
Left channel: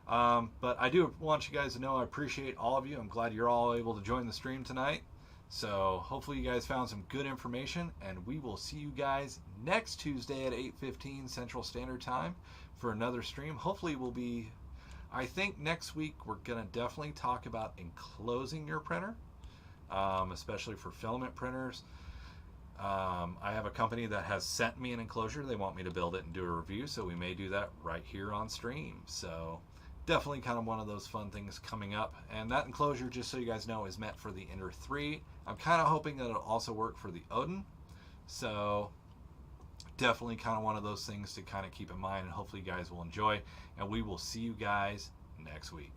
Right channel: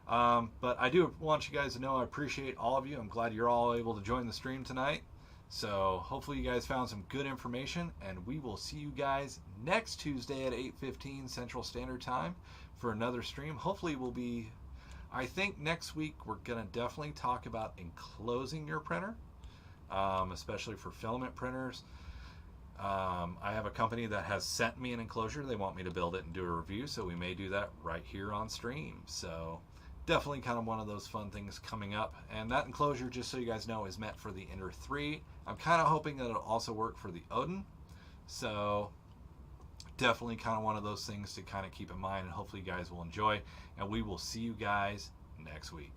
but I do want you guys to know I appreciate all of you. I'm glad you're all able to join the stream tonight. So hopefully you guys found some good information, and we will see you guys next Tuesday at 8:15 Central Standard Time for another stream. Hopefully we'll be, I think next week we're going to definitely talk about enclosing your printer, especially for filament printers. I have a company that has sent me an enclosure. They want me to build it and do a review, so we may do that right here on stream. So definitely kind of one of those fun things coming up. And that enclosure, just so you guys know, is meant for the Ender 3. I'm kind of hoping that it'll also work for the Odin. So definitely kind of one of those things to kind of keep in mind, and hopefully you guys will enjoy. And we will see you guys next week.